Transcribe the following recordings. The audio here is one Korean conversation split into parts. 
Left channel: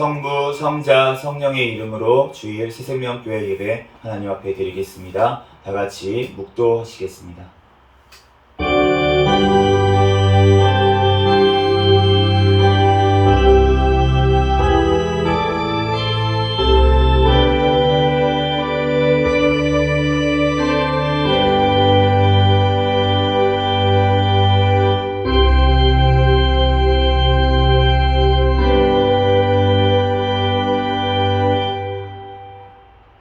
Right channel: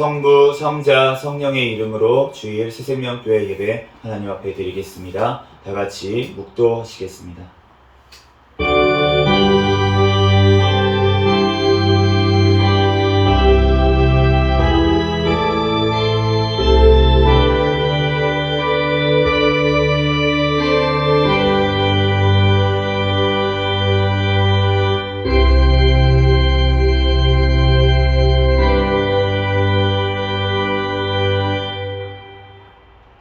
성부, 성자, 성령의 이름으로 주일 새생명교회 예배 하나님 앞에 드리겠습니다. 다 같이 묵도하시겠습니다.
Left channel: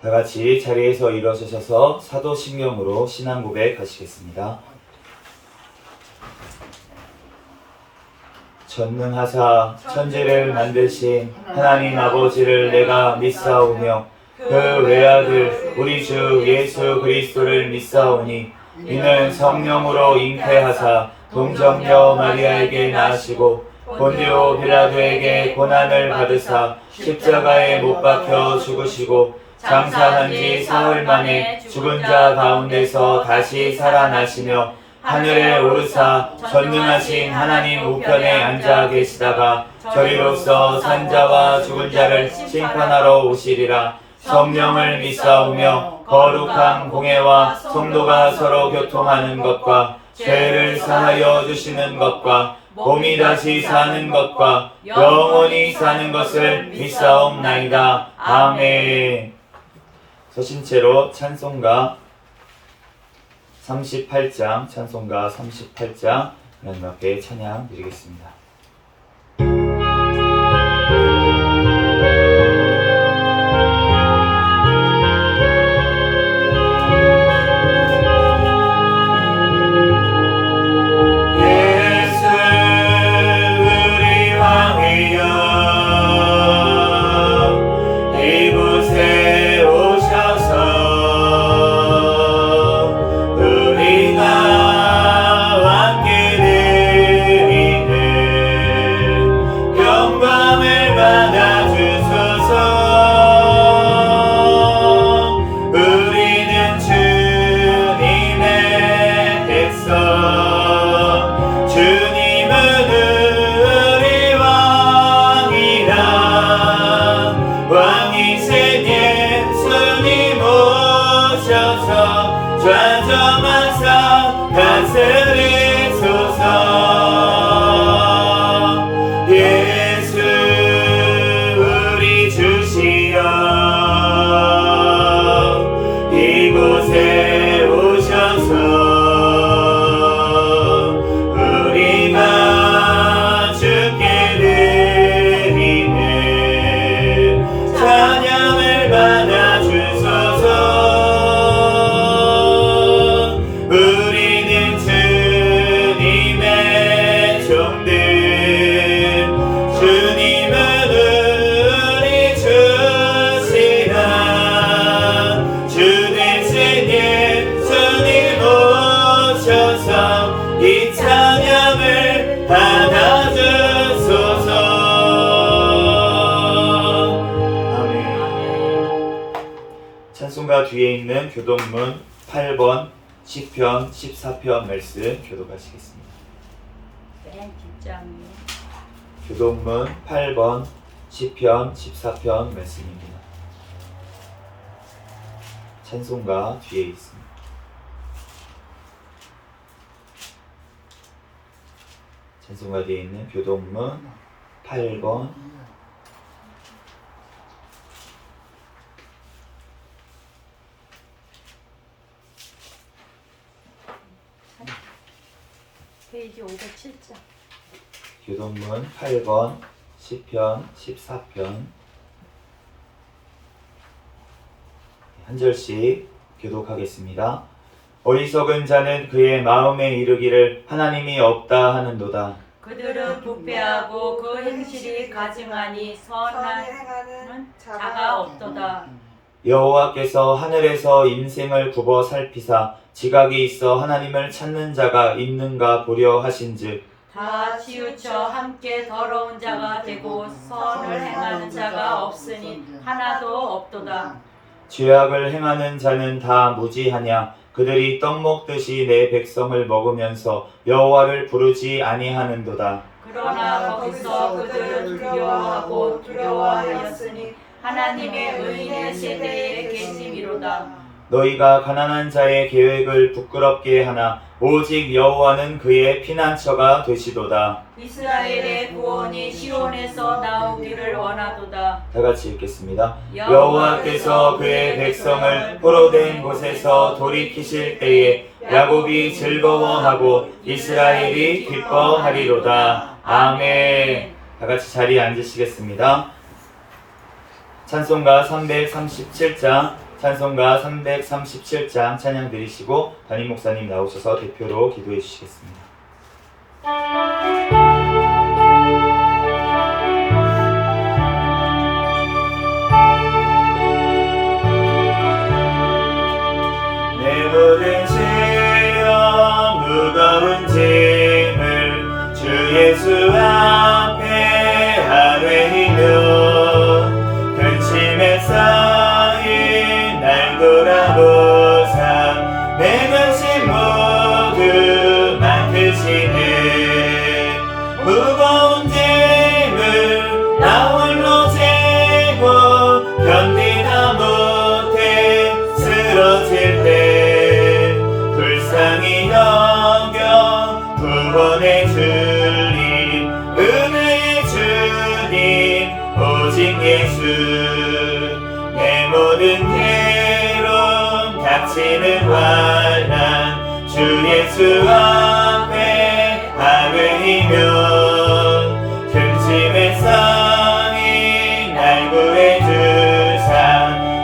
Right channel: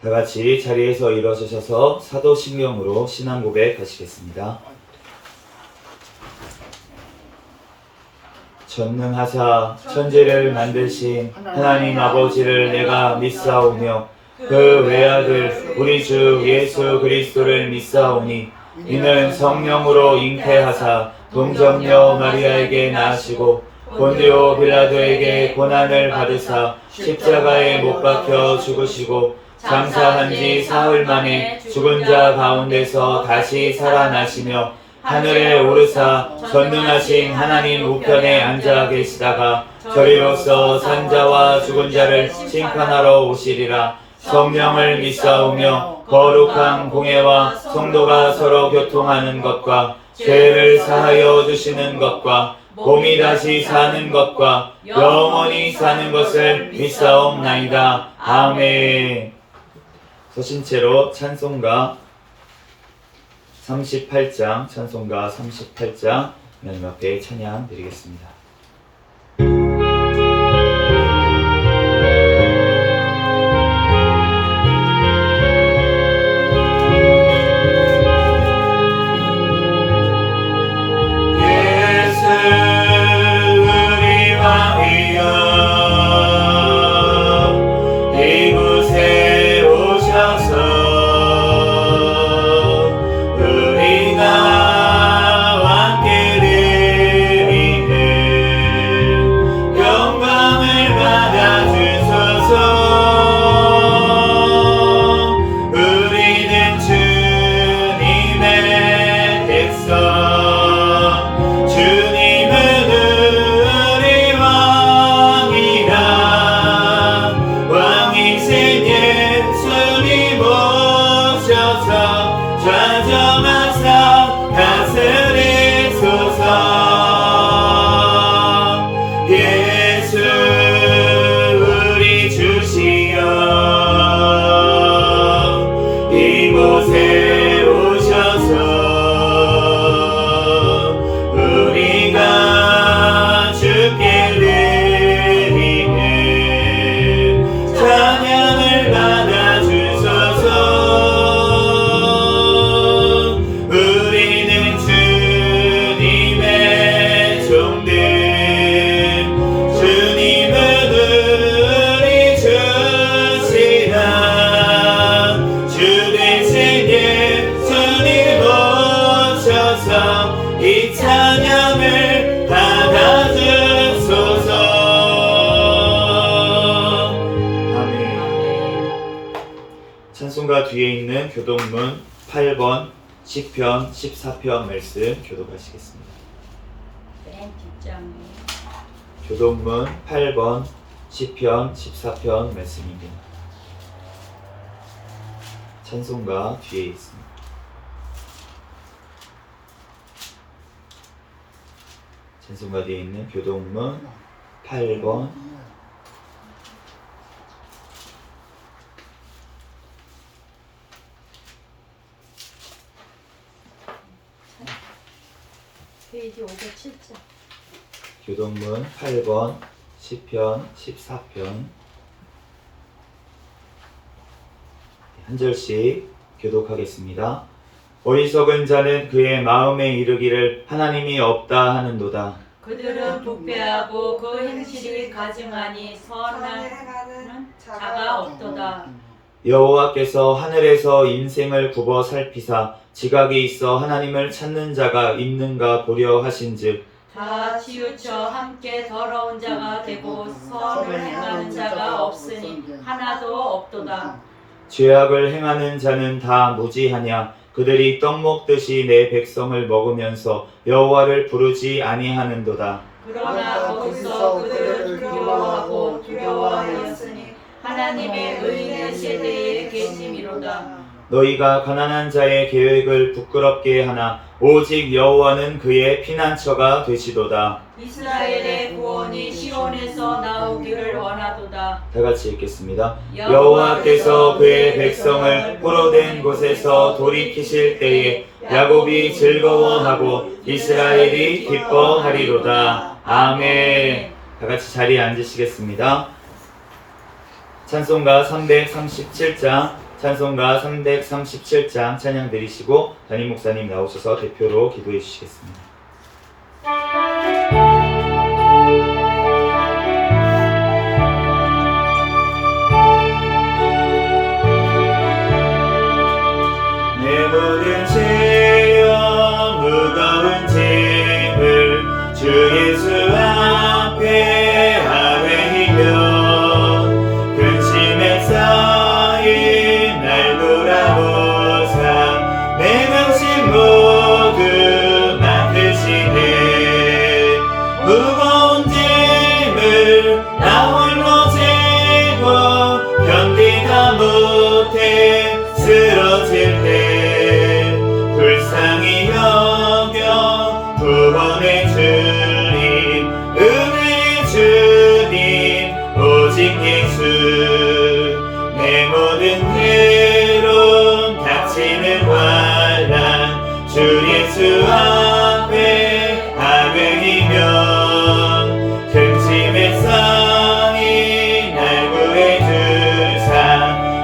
다 같이 자리에서 일어서셔서 사도신경으로 신앙 고백하시겠습니다. 전능하사 천지를 만드신 하나님 아버지를 내가 믿사오며 그 외아들 우리 주 예수 그리스도를 믿사오니 이는 성령으로 잉태하사 동정녀 마리아에게 낳으시고 본디오 빌라도에게 고난을 받으사 십자가에 못 박혀 죽으시고 장사한 지 사흘 만에 죽은 자 가운데서 다시 살아나시며 하늘에 오르사 전능하신 하나님 우편에 앉아 계시다가 저리로서 산자와 죽은 자를 심판하러 오시리라. 성령을 믿사오며 거룩한 공회와 성도가 서로 교통하는 것과 죄를 사하여 주시는 것과 몸이 다시 사는 것과 영원히 사는 것을 믿사옵나이다. 아멘. 서신 채로 찬송가 38장 하나님 앞에 찬양 드리겠습니다. 좌정하사 다스리소서. 예수 우리 주시여 이곳에 오셔서 우리가 주께 드리는 찬양을 받아 주소서. 이 찬양을 받아주소서. 아멘. 찬송가 뒤에 있는 교독문 8번 시편 14편 말씀 교독하시겠습니다. 맨 뒷장이요. 교독문 8번 시편 14편 말씀입니다. 찬송가 뒤에 있습니다. 찬송가 뒤에 있는 교독문 8번 페이지 507장. 교독문 8번 시편 14편 한 절씩 교독하겠습니다. 어리석은 자는 그의 마음에 이르기를 하나님이 없다 하는도다. 그들은 부패하고 그 행실이 가증하니 선한 자가 없도다. 여호와께서 하늘에서 인생을 굽어 살피사 지각이 있어 하나님을 찾는 자가 있는가 보려 하신즉 다 치우쳐 함께 더러운 자가 되고 선을 행하는 자가 없으니 하나도 없도다. 죄악을 행하는 자는 다 무지하냐. 그들이 떡 먹듯이 내 백성을 먹으면서 여호와를 부르지 아니하는도다. 그러나 거기서 그들을 두려워하고 여호와였으니 하나님의 의인의 세대에 계심이로다. 너희가 가난한 자의 계획을 부끄럽게 하나 오직 여호와는 그의 피난처가 되시도다. 이스라엘의 구원이 시온에서 나오기를 원하도다. 다 같이 읽겠습니다. 여호와께서 그의 백성을 포로된 곳에서 돌이키실 때에 야곱이 즐거워하고 이스라엘이 기뻐하리로다. 아멘. 다 같이 자리에 앉으시겠습니다. 찬송가 337장 찬양 드리시고 담임 목사님 나오셔서 대표로 기도해 주시겠습니다. 내 모든 죄와 무거운 짐을 주 예수 앞에 아뢰이며 근심에 쌓인 날 돌아보사 내 근심 모두 맡으시네. 무거운 짐을 나 홀로 지고 견디다 못해 쓰러질 때 불쌍히 여겨 구원의 주님 은혜의 주님 오직 예수. 내 모든 괴로움 닥치는 환난 주 예수 앞에 아뢰이면 근심에 쌓인 날 구해주사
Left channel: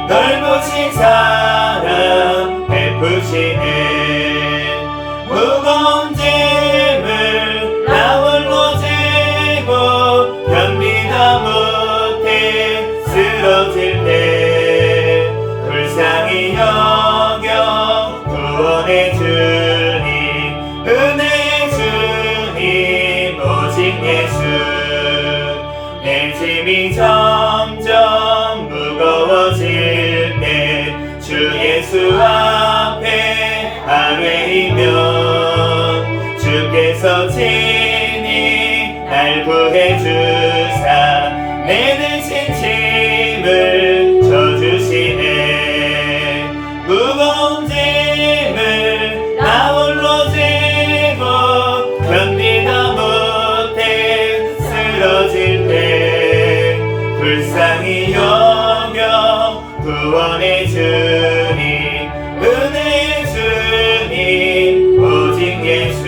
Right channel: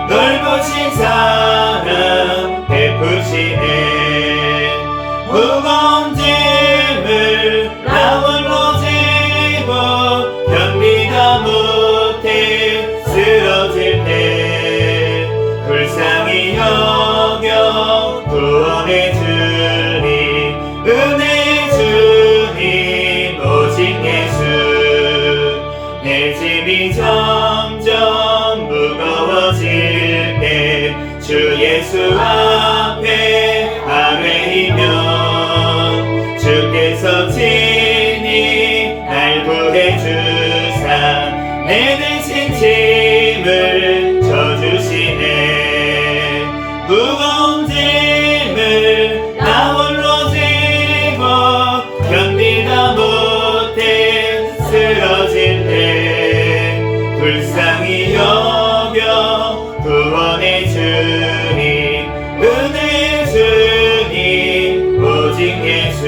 널 보신 사랑 베푸시네. 무거운 짐을 나 홀로 지고 견디다 못해 쓰러질 때 불쌍히 여겨 구원의 주님 은혜의 주님 오직 예수. 내 짐이 점점 무거워질 때 주 예수 앞에 아뢰이면 주께서 친히 날 구해주사 내 대신 짐을 져주시네. 무거운 짐을 나 홀로 지고 견디다 못해 쓰러질 때 불쌍히 여겨 구원의 주님 은혜의 주님 오직 예수.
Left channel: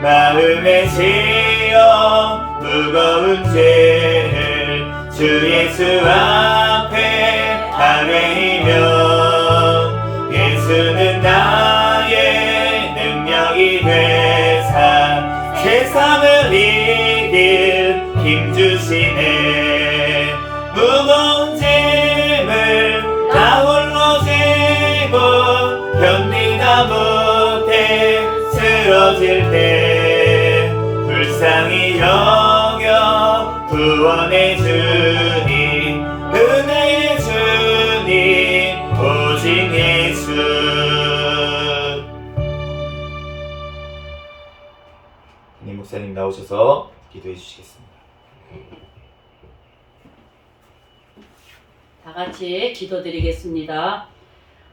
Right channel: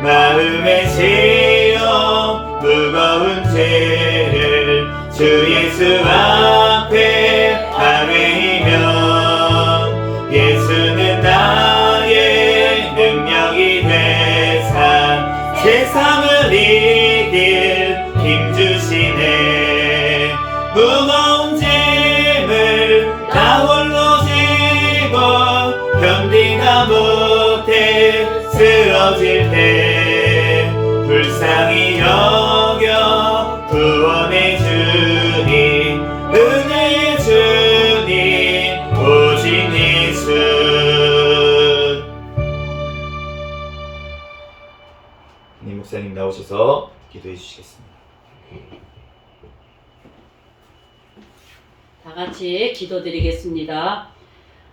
마음에 씌어 무거운 죄를 주 예수 앞에 아뢰이면 예수는 나의 능력이 되사 세상을 이길 힘 주시네. 무거운 짐을 나 홀로 지고 견디다 못해 쓰러질 때 불쌍히 여겨 구원의 주님 은혜의 주님 오직 예수. 담임 목사님 나오셔서 기도해 주시겠습니다. 다 같이 기도드리겠습니다.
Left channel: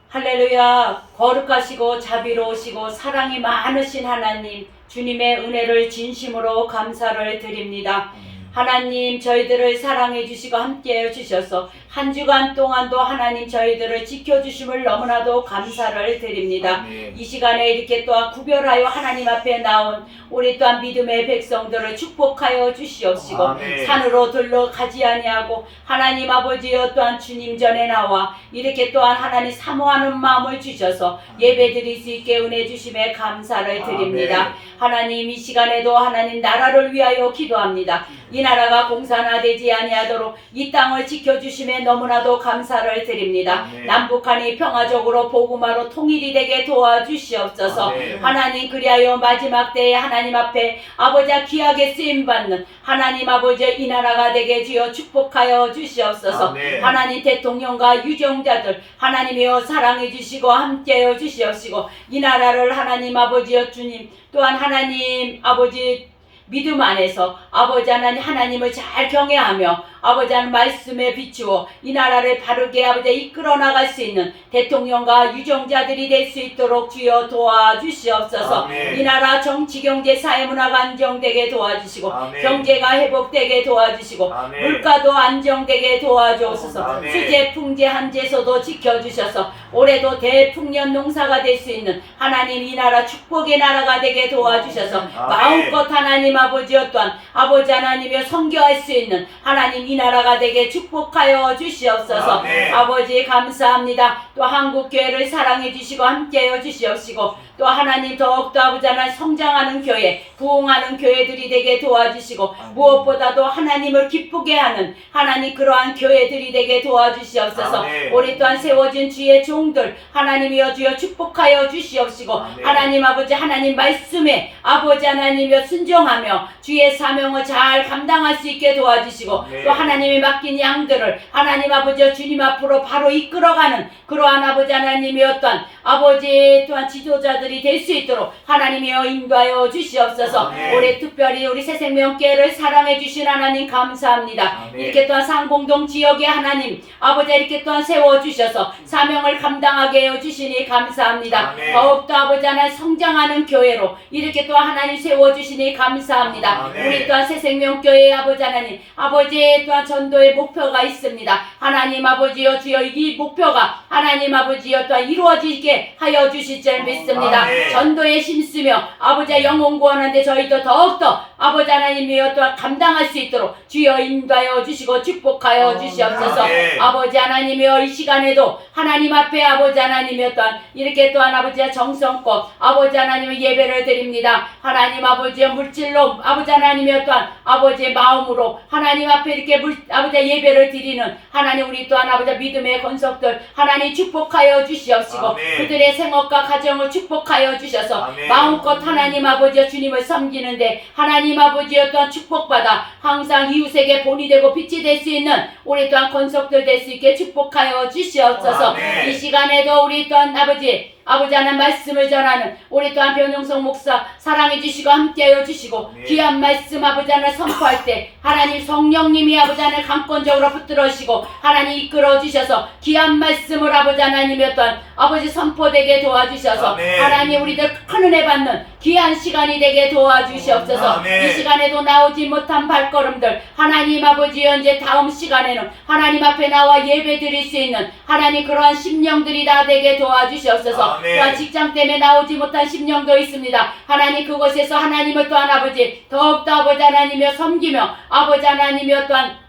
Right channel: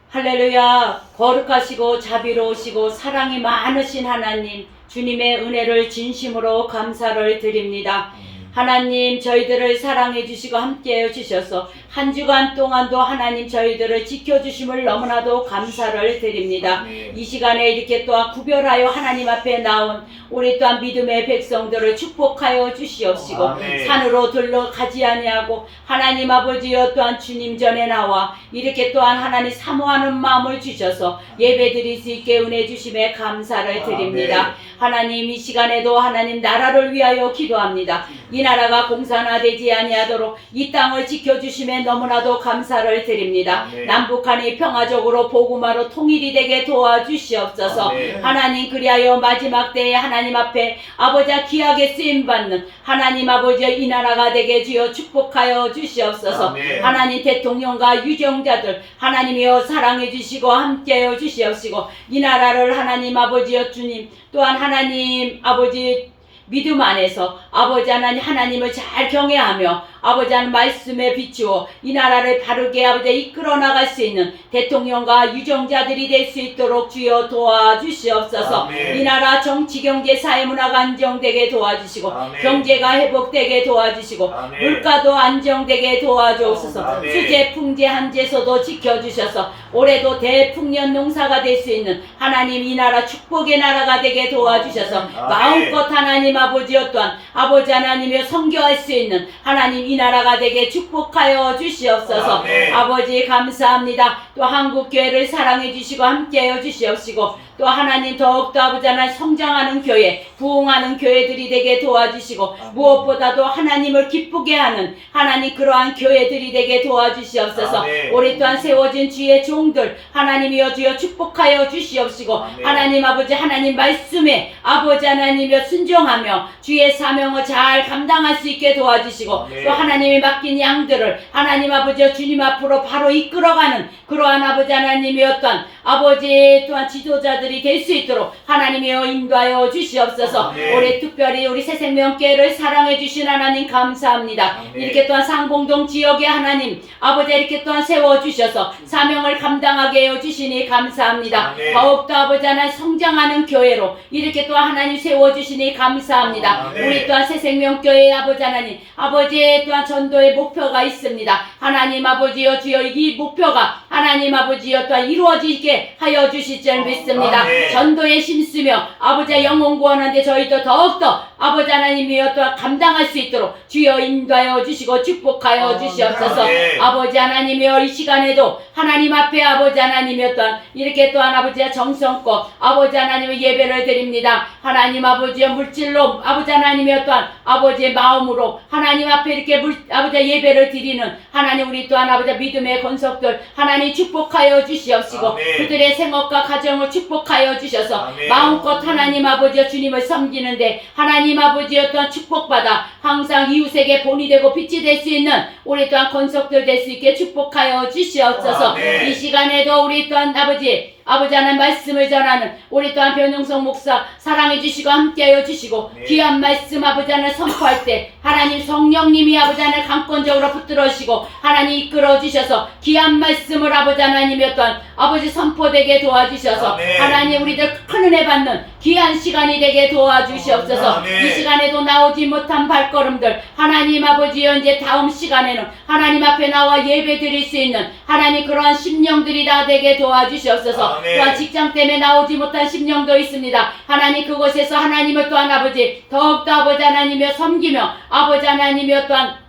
할렐루야. 거룩하시고 자비로우시고 사랑이 많으신 하나님, 주님의 은혜를 진심으로 감사를 드립니다. 하나님, 저희들을 사랑해 주시고 함께해 주셔서 한 주간 동안도 하나님 저희들을 지켜주심을 너무나도 감사를 드립니다. 이 시간에 이렇게 또한 구별하여 하나님 앞에 나온 우리 또한 믿음의 백성들을 축복하여 주시옵시고 산으로 들러 가지 아니하고 하나님 아버지여 또한 주님 전에 나와 이렇게 또한 하나님 사모하는 마음을 주셔서 예배드릴 수 있게 은혜 주심에 감사를 드립니다. 하나님, 이 시간에도 하나님 나라를 위하여 기도합니다. 이 나라가 공산화되지 아니하도록 이 땅을 지켜주심에 너무나도 감사를 드립니다. 남북한이 평화적으로 복음화로 통일이 되게 도와주시옵소서. 하나님, 그리하여 마지막 때에 하나님 앞에 아버지 귀하게 쓰임받는 하나님 아버지 이 나라가 되게 주여 축복하여 주시옵소서. 하나님, 대통령과 유정자들 하나님이여 사랑해 주시고 함께해 주시옵시고 이 나라를 하나님 아버지여 주님 또한 하나님 아버지 믿음 안에서 아버지 하나님을 잘 경외하며 아버지 하나님 말씀에 비추어 이 나라를 바르게 아버지 이끌어 나갈 수 있는 대통령과 유정자들이 될 수 있도록 주여 도와주시옵소서. 아멘. 이 나라 정치 경제 사회 문화가 안정되게 도와주시고 아멘. 경제가 회복되게 도와주시고 아멘. 물가도 안정되게 도와주옵소서. 아멘. 수재 풍재 한제소도 지켜주셔서 올해도 대풍년 농사가 될 수 있는 하나님 이 나라 축복의 나라가 되게 도와주셔서 마음껏 하나님 아버지여 또한 아버지 하나님여 선교할 수 있는 하나님 이 나라가 되게 축복하여 주시옵소서. 아멘. 아버지 감사합니다. 또 한국교회를 사랑해 주시고 함께하여 주시옵시고 또 하나님 더욱더 아버지 하나님 성장하는 교회 부흥하는 교회들이 되게 도와주시고 무엇보다도 하나님을 기쁘게 하는 하나님 그러한 교회들이 되게 도와주시옵소서. 아멘. 올해 또한 세워진 주의 종들 하나님이여 주여 축복하여 주시옵시고 아멘. 하나님 아버지 하나님 말씀에 아버지 하나님이여 순종하며 주의 사명을 잘 감당할 수 있게 도와주시고 아멘. 또 하나님이 맡긴 양들을 하나님 아버지여 주님 앞으로 바로 이끌어가는 그러한 아버지 하나님이여 또한 아버지 또한 지도자들이 될 수 있도록 하나님이여 인도하여 주시옵소서. 아멘. 올해 특별히 우리 새생명교회를 사랑해 주신 하나님 감사합니다. 아멘. 이렇게 또한 상봉동 지역의 하나님 아버지 이렇게 또한 세워주셔서 사명을 감당하게 해주시니 감사합니다. 아멘. 더욱더 아버지 하나님 성장하는 교회로 이렇게 또한 하나님 세워주시니 감사합니다. 아멘. 우리 또한 새생명교회의 아버지 하나님 아버지 또한 전도의 목표가 있습니다. 하나님 아버지여 주여 이 목표가 하나님 아버지여 또한 이루어지게 하여 주실 줄 믿습니다. 아멘. 전도에 힘쓰며 아버지의 영혼 구원하는데 저희도 더욱더 아버지 하나님이여 또한 감당할 수 있도록 주여 인도하여 주시고 축복하여 주시옵소서. 아멘. 아버지 하나님이여 이 시간에도 하나님 앞에 아버지 하나님이여 또한 이렇게 또한 아버지의 정성껏 아버지 하나님의 예배를 드립니다. 하나님 아버지의 물질로 아버지 하나님이여 또한 아버지의 마음으로 하나님 앞에 이렇게 아버지의 예배를 드리는 하나님 우리 또한 아버지의 믿음의 권속들 하나님 축복하여 주시옵시고 아멘. 그들의 생업과 가정을 축복하여 주셔서 아멘. 마음껏 하나님 아버지여 주님을 섬기는데 하나님 아버지여 또한 축복받아 항상 이웃에게 본이 되고 빛이 될 수 있는 우리 또한 권속들 될 수 있게 축복하여 주시옵소서. 아멘. 이 시간에도 우리 또한 아버지 하나님 말씀을 전하는 우리 또한 변용석 목사 사랑해 주시고 함께하여 주시고 네. 귀한 말씀 아버지 하나님 선포할 때 하나님 성령님이 아버지 하나님 강권적으로 붙들어주시고 하나님 이끌어 주셔서 귀한 말씀을 아버지 하나님이었던 아버지 선포되게 도와주셔서 아멘. 하나님 우리들 큰 은혜 받는 귀한 시간이 되게 도와주시옵소서. 아멘. 이 시간에도 나오지 못한 발걸음들 하나님 아버지 현재 다음 시간에는 하나님 앞에 나와 예배 드릴 수 있는 하나님 그러한 심령들이 다 되게 도와주시옵소서. 아멘. 또한 직장 때문에 나오지 못한 심령도 있습니다. 하나님 그곳에서 하나님을 또한 아버지 더욱더 아버지 하나님이여 섬기며 아버지 하나님이여 또한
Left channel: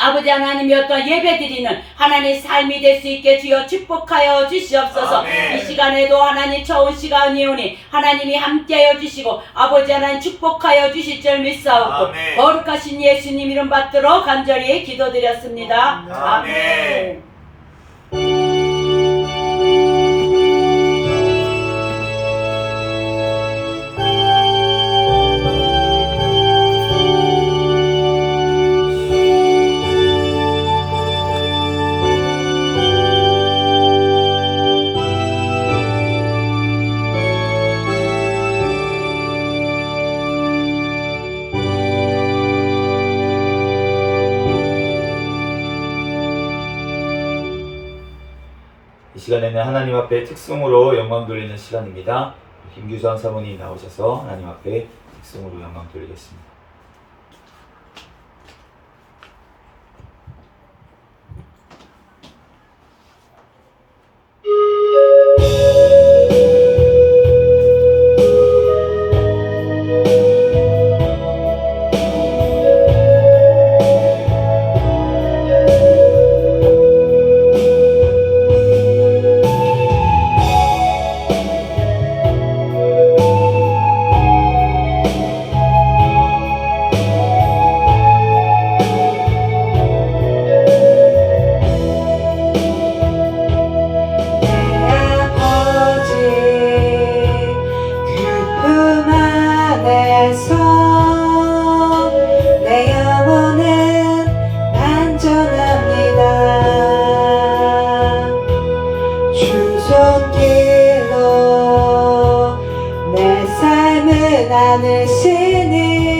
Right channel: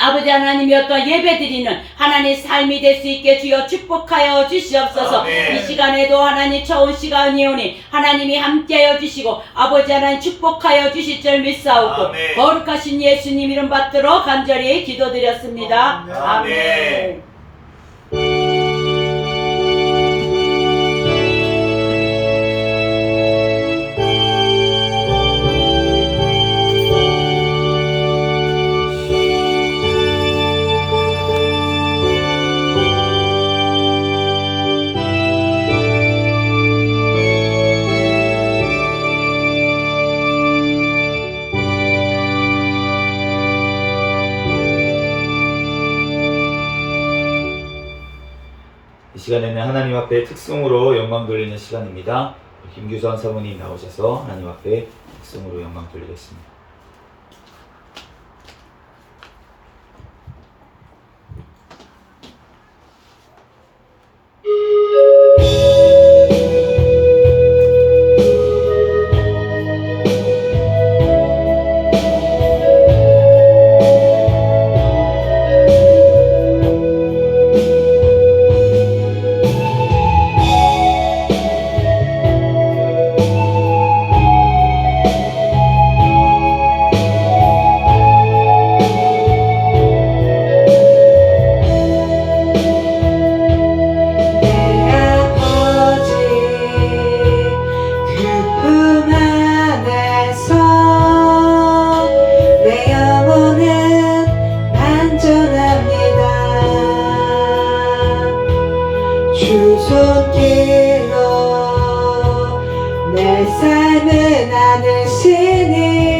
아버지 하나님이여 또한 예배드리는 하나님 삶이 될 수 있게 주여 축복하여 주시옵소서. 아멘. 이 시간에도 하나님 좋은 시간이 오니 하나님이 함께하여 주시고 아버지 하나님 축복하여 주실 줄 믿사오고 아멘. 거룩하신 예수님 이름 받들어 간절히 기도드렸습니다. 아멘. 이 시간에는 하나님 앞에 특송으로 영광 돌리는 시간입니다. 김규선 사모님 나오셔서 하나님 앞에 특송으로 영광 돌리겠습니다. 주속길로 내 삶을 나누시니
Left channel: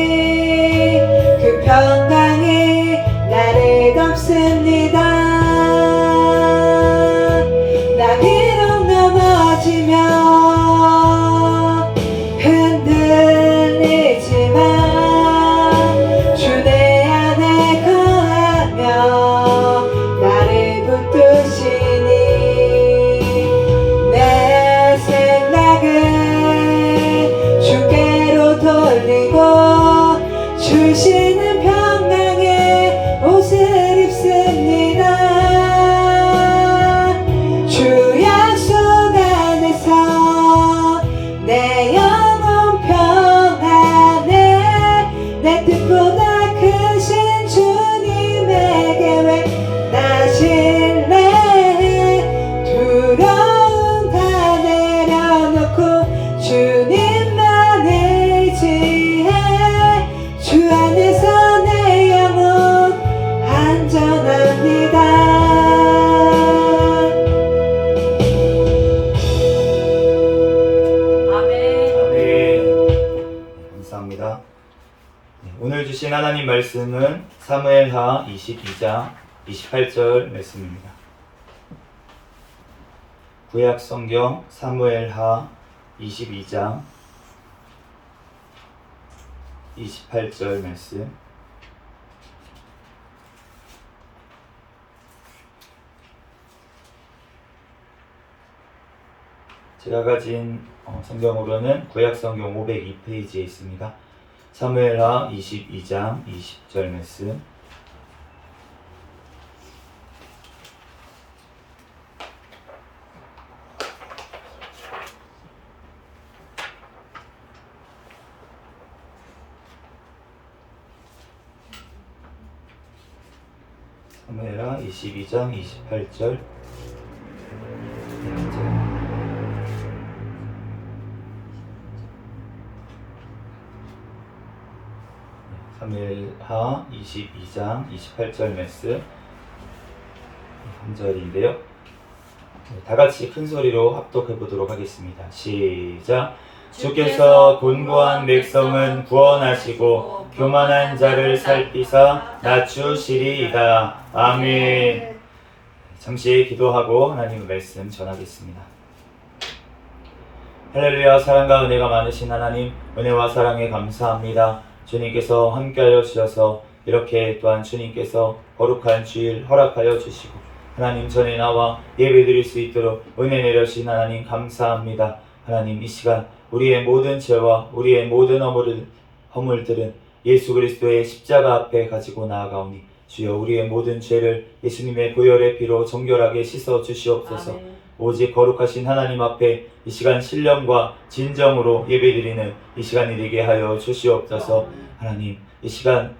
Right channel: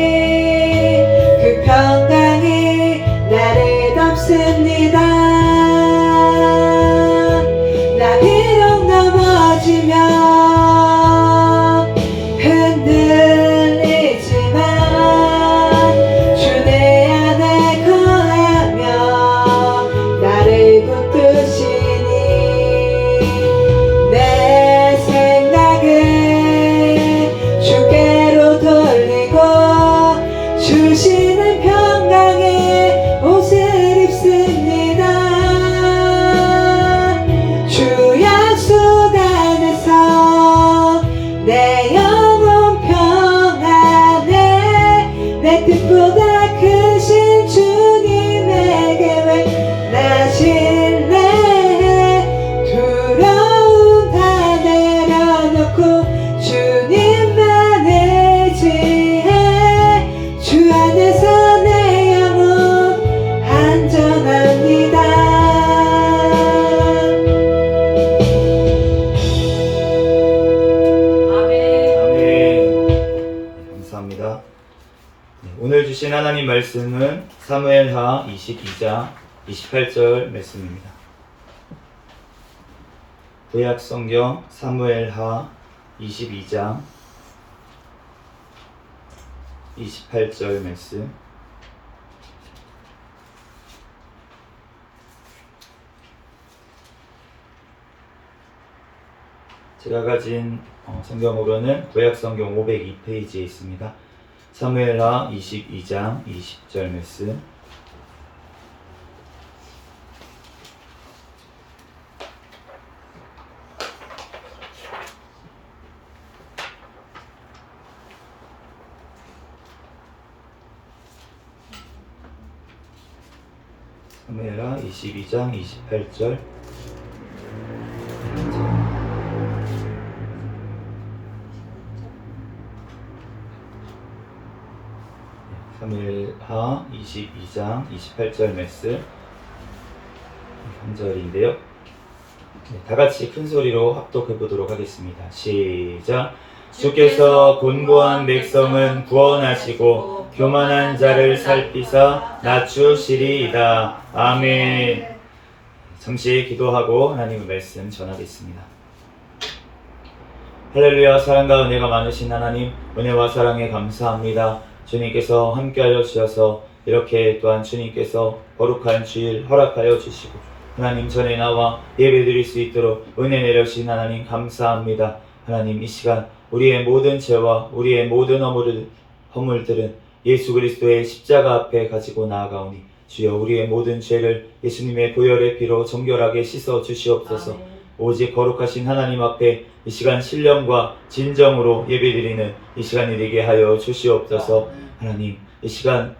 주신 하나님 말씀은 사무엘하 22장 28절 말씀입니다. 구약 성경 사무엘하 22장 28절 말씀. 제가 가진 성경으로는 구약 성경 502페이지에 있습니다. 사무엘하 22장 20절 말씀. 사무엘하 22장 28절. 사무엘하 22장 28절 말씀 한 절인데요. 다 같이 큰 소리로 합독해 보도록 하겠습니다. 시작. 주께서 곤고한 백성은 구원하시고 교만한 자를 살피사 낮추시리이다. 아멘. 잠시 기도하고 하나님의 말씀 전하겠습니다. 할렐루야. 사랑과 은혜가 많으신 하나님, 은혜와 사랑에 감사합니다. 주님께서 함께하여 주셔서 이렇게 또한 주님께서 거룩한 주일 허락하여 주시고 하나님 전에 나와 예배드릴 수 있도록 은혜 내려주신 하나님 감사합니다. 하나님 이 시간 우리의 모든 죄와 우리의 모든 허물들은 예수 그리스도의 십자가 앞에 가지고 나아가오니 주여 우리의 모든 죄를 예수님의 보혈의 피로 정결하게 씻어 주시옵소서. 오직 거룩하신 하나님 앞에 이 시간 신령과 진정으로 예배드리는 이 시간이 되게 하여 주시옵소서. 하나님 이 시간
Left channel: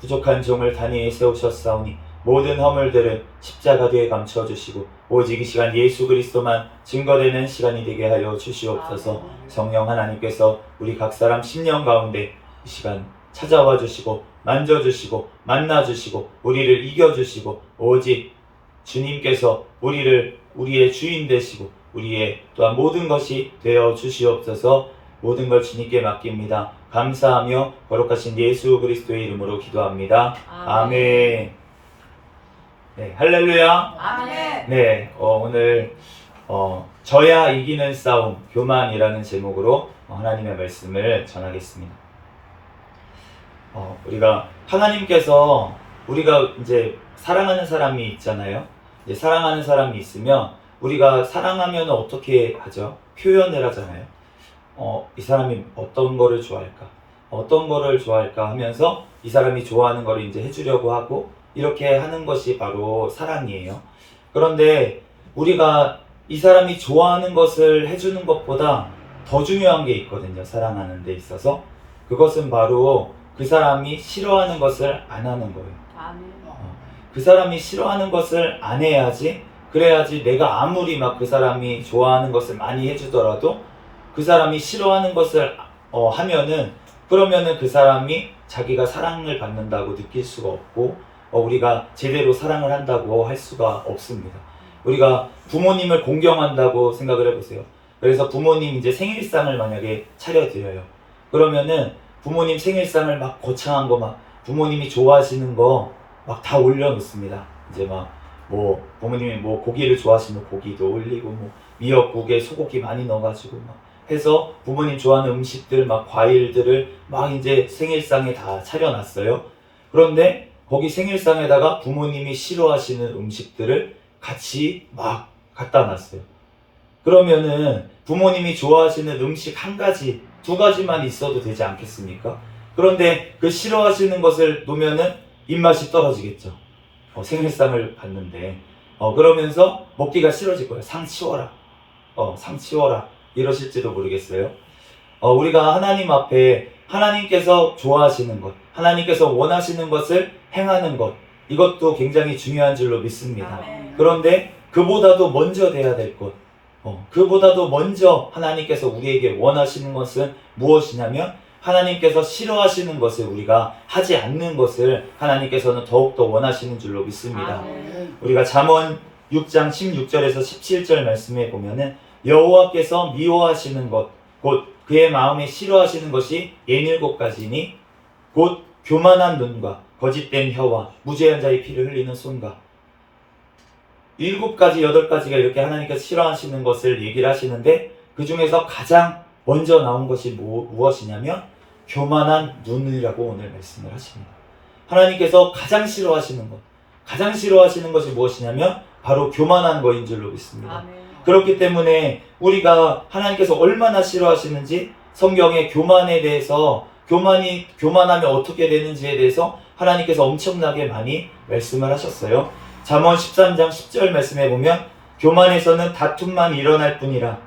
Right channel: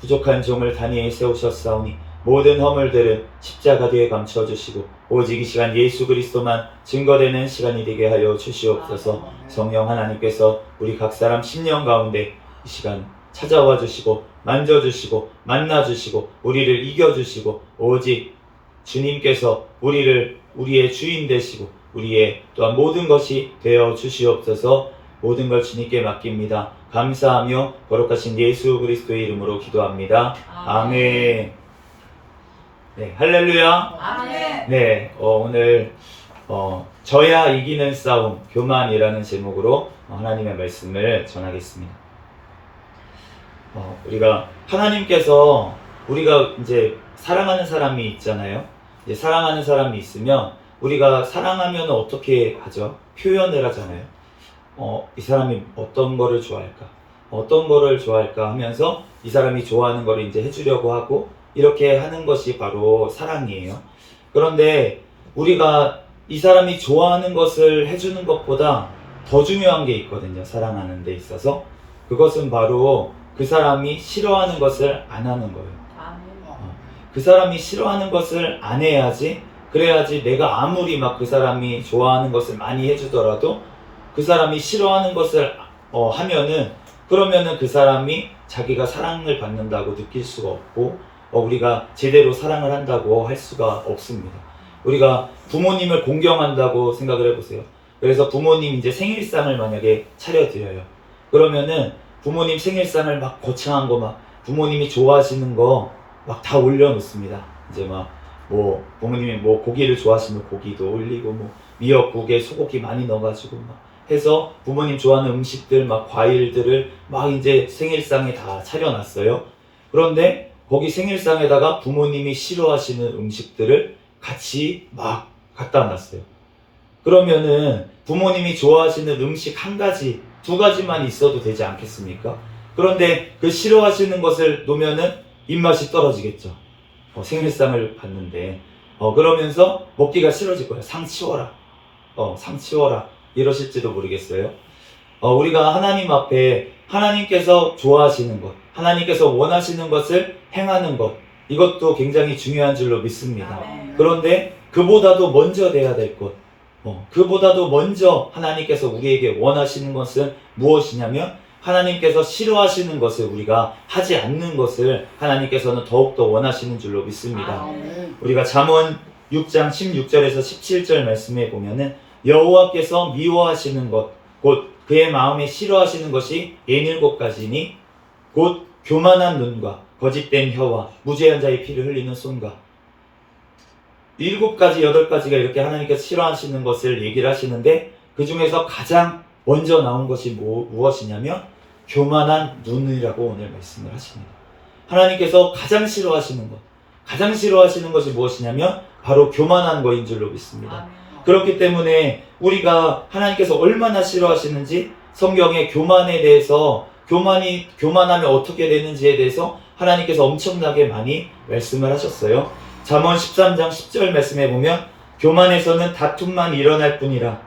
부족한 종을 단위에 세우셨사오니 모든 허물들은 십자가 뒤에 감춰주시고 오직 이 시간 예수 그리스도만 증거되는 시간이 되게 하여 주시옵소서. 성령 하나님께서 우리 각 사람 심령 가운데 이 시간 찾아와 주시고 만져주시고 만나주시고 우리를 이겨주시고 오직 주님께서 우리의 주인 되시고 우리의 또한 모든 것이 되어 주시옵소서. 모든 걸 주님께 맡깁니다. 감사하며 거룩하신 예수 그리스도의 이름으로 기도합니다. 아멘. 네, 할렐루야. 아멘. 네, 오늘 져야 이기는 싸움 교만이라는 제목으로 하나님의 말씀을 전하겠습니다. 우리가 하나님께서 우리가 이제 사랑하는 사람이 있잖아요. 이제 사랑하는 사람이 있으면 우리가 사랑하면 어떻게 하죠? 표현을 하잖아요. 이 사람이 어떤 거를 좋아할까? 어떤 거를 좋아할까 하면서 이 사람이 좋아하는 거를 이제 해주려고 하고 이렇게 하는 것이 바로 사랑이에요. 그런데 우리가 이 사람이 좋아하는 것을 해주는 것보다 더 중요한 게 있거든요. 사랑하는 데 있어서. 그것은 바로 그 사람이 싫어하는 것을 안 하는 거예요. 그 사람이 싫어하는 것을 안 해야지, 그래야지 내가 아무리 막 그 사람이 좋아하는 것을 많이 해주더라도 그 사람이 싫어하는 것을 하면은 그러면은 그 사람이 자기가 사랑을 받는다고 느낄 수가 없고 우리가 제대로 사랑을 한다고 할 수가 없습니다. 우리가 부모님을 공경한다고 생각을 해보세요. 그래서 부모님 이제 생일상을 만약에 차려드려요. 그러면은 부모님 생일상을 막 거창한 거 막 부모님이 좋아하시는 거 막 다 올려놓습니다. 이제 막 뭐 부모님이 뭐 고기를 좋아하시면 고기도 올리고 뭐 미역국에 소고기 많이 넣어가지고 막 해서 부모님 좋아하는 음식들 막 과일들을 막 이제 생일상에 다 차려놨어요. 그런데 거기 생일상에다가 부모님이 싫어하시는 음식들을 같이 막 갖다 놨어요. 그러면은 부모님이 좋아하시는 음식 한 가지, 두 가지만 있어도 되지 않겠습니까? 그런데 그 싫어하시는 것을 놓으면은 입맛이 떨어지겠죠. 생일상을 받는데 그러면서 먹기가 싫어질 거예요. 상 치워라. 상 치워라. 이러실지도 모르겠어요. 우리가 하나님 앞에 하나님께서 좋아하시는 것, 하나님께서 원하시는 것을 행하는 것, 이것도 굉장히 중요한 줄로 믿습니다. 그런데 그보다도 먼저 돼야 될 것, 그보다도 먼저 하나님께서 우리에게 원하시는 것은 무엇이냐면 하나님께서 싫어하시는 것을 우리가 하지 않는 것을 하나님께서는 더욱더 원하시는 줄로 믿습니다. 우리가 잠언 6장 16절에서 17절 말씀에 보면은 여호와께서 미워하시는 것, 곧 그의 마음에 싫어하시는 것이 67가지니 곧 교만한 눈과 거짓된 혀와 무죄한 자의 피를 흘리는 손과 7가지, 8가지가 이렇게 하나님께서 싫어하시는 것을 얘기를 하시는데 그 중에서 가장 먼저 나온 것이 무엇이냐면 교만한 눈이라고 오늘 말씀을 하십니다. 하나님께서 가장 싫어하시는 것이 무엇이냐면 바로 교만한 것인 줄로 믿습니다. 아멘. 그렇기 때문에 우리가 하나님께서 얼마나 싫어하시는지 성경의 교만에 대해서 교만하면 어떻게 되는지에 대해서 하나님께서 엄청나게 많이 말씀을 하셨어요. 잠언 13장 10절 말씀해 보면 교만에서는 다툼만 일어날 뿐이라.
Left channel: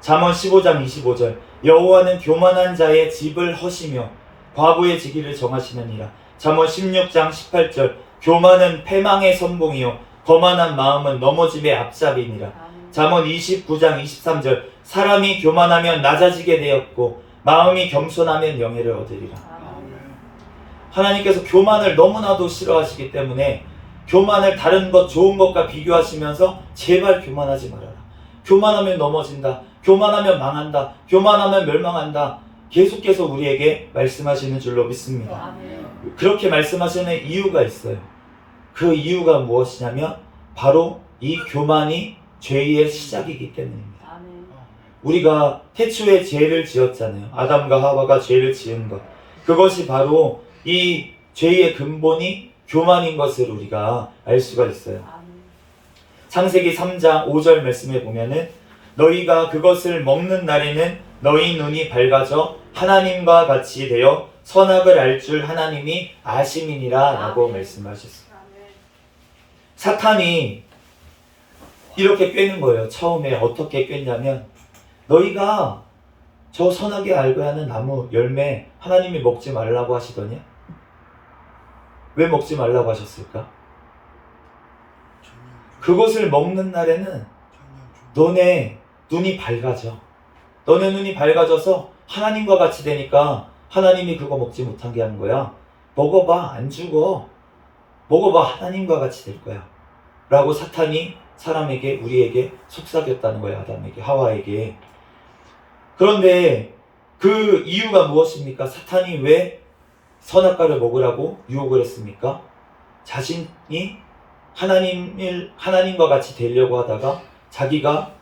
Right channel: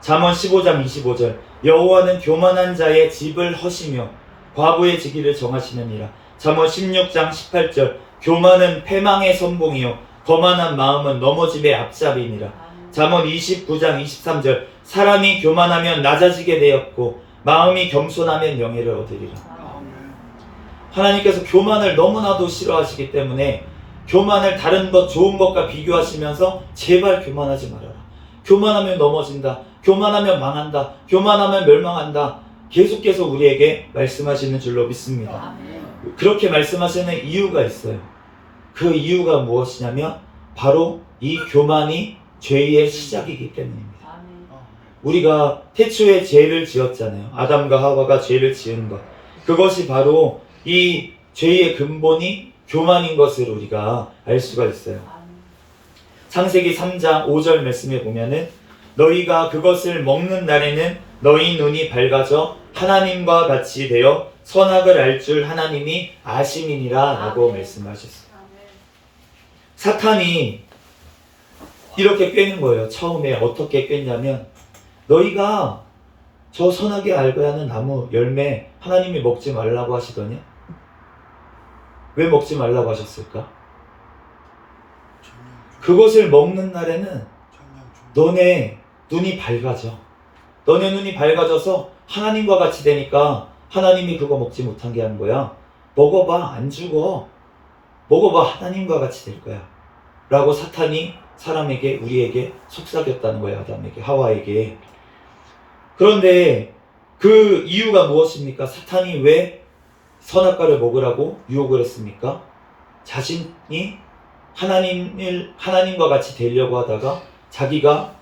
잠언 15장 25절 여호와는 교만한 자의 집을 허시며 과부의 지기를 정하시느니라. 잠언 16장 18절 교만은 패망의 선봉이요 거만한 마음은 넘어짐의 앞잡이니라. 아멘. 잠언 29장 23절 사람이 교만하면 낮아지게 되었고 마음이 겸손하면 영예를 얻으리라. 아멘. 하나님께서 교만을 너무나도 싫어하시기 때문에 교만을 다른 것 좋은 것과 비교하시면서 제발 교만하지 말아라. 교만하면 넘어진다. 교만하면 망한다. 교만하면 멸망한다. 계속해서 우리에게 말씀하시는 줄로 믿습니다. 아멘. 그렇게 말씀하시는 이유가 있어요. 그 이유가 무엇이냐면 바로 이 교만이 죄의 시작이기 때문입니다. 아멘. 우리가 태초에 죄를 지었잖아요. 아담과 하와가 죄를 지은 것. 그것이 바로 이 죄의 근본이 교만인 것을 우리가 알 수가 있어요. 아멘. 창세기 3장 5절 말씀에 보면은 너희가 그것을 먹는 날에는 너희 눈이 밝아져 하나님과 같이 되어 선악을 알 줄 하나님이 아심이니라 라고 말씀하셨어요. 아멘. 사탄이 이렇게 꿰는 거예요. 처음에 어떻게 꿰냐면 너희가 저 선하게 알고야 하는 나무 열매 하나님이 먹지 말라고 하시더냐? 왜 먹지 말라고 하셨을까? 그것을 먹는 날에는 너네 눈이 밝아져. 너네 눈이 밝아져서 하나님과 같이 되니까 하나님이 그거 먹지 못하게 하는 거야. 먹어봐, 안 죽어. 먹어봐, 하나님과 같이 될 거야. 라고 사탄이 사람에게, 우리에게 속삭였다는 거예요. 아담에게, 하와에게. 그런데 그 이유가 무엇입니까? 사탄이 왜 선악과를 먹으라고 유혹을 했습니까? 자신이 하나님과 같이 되려고 하다가 자기가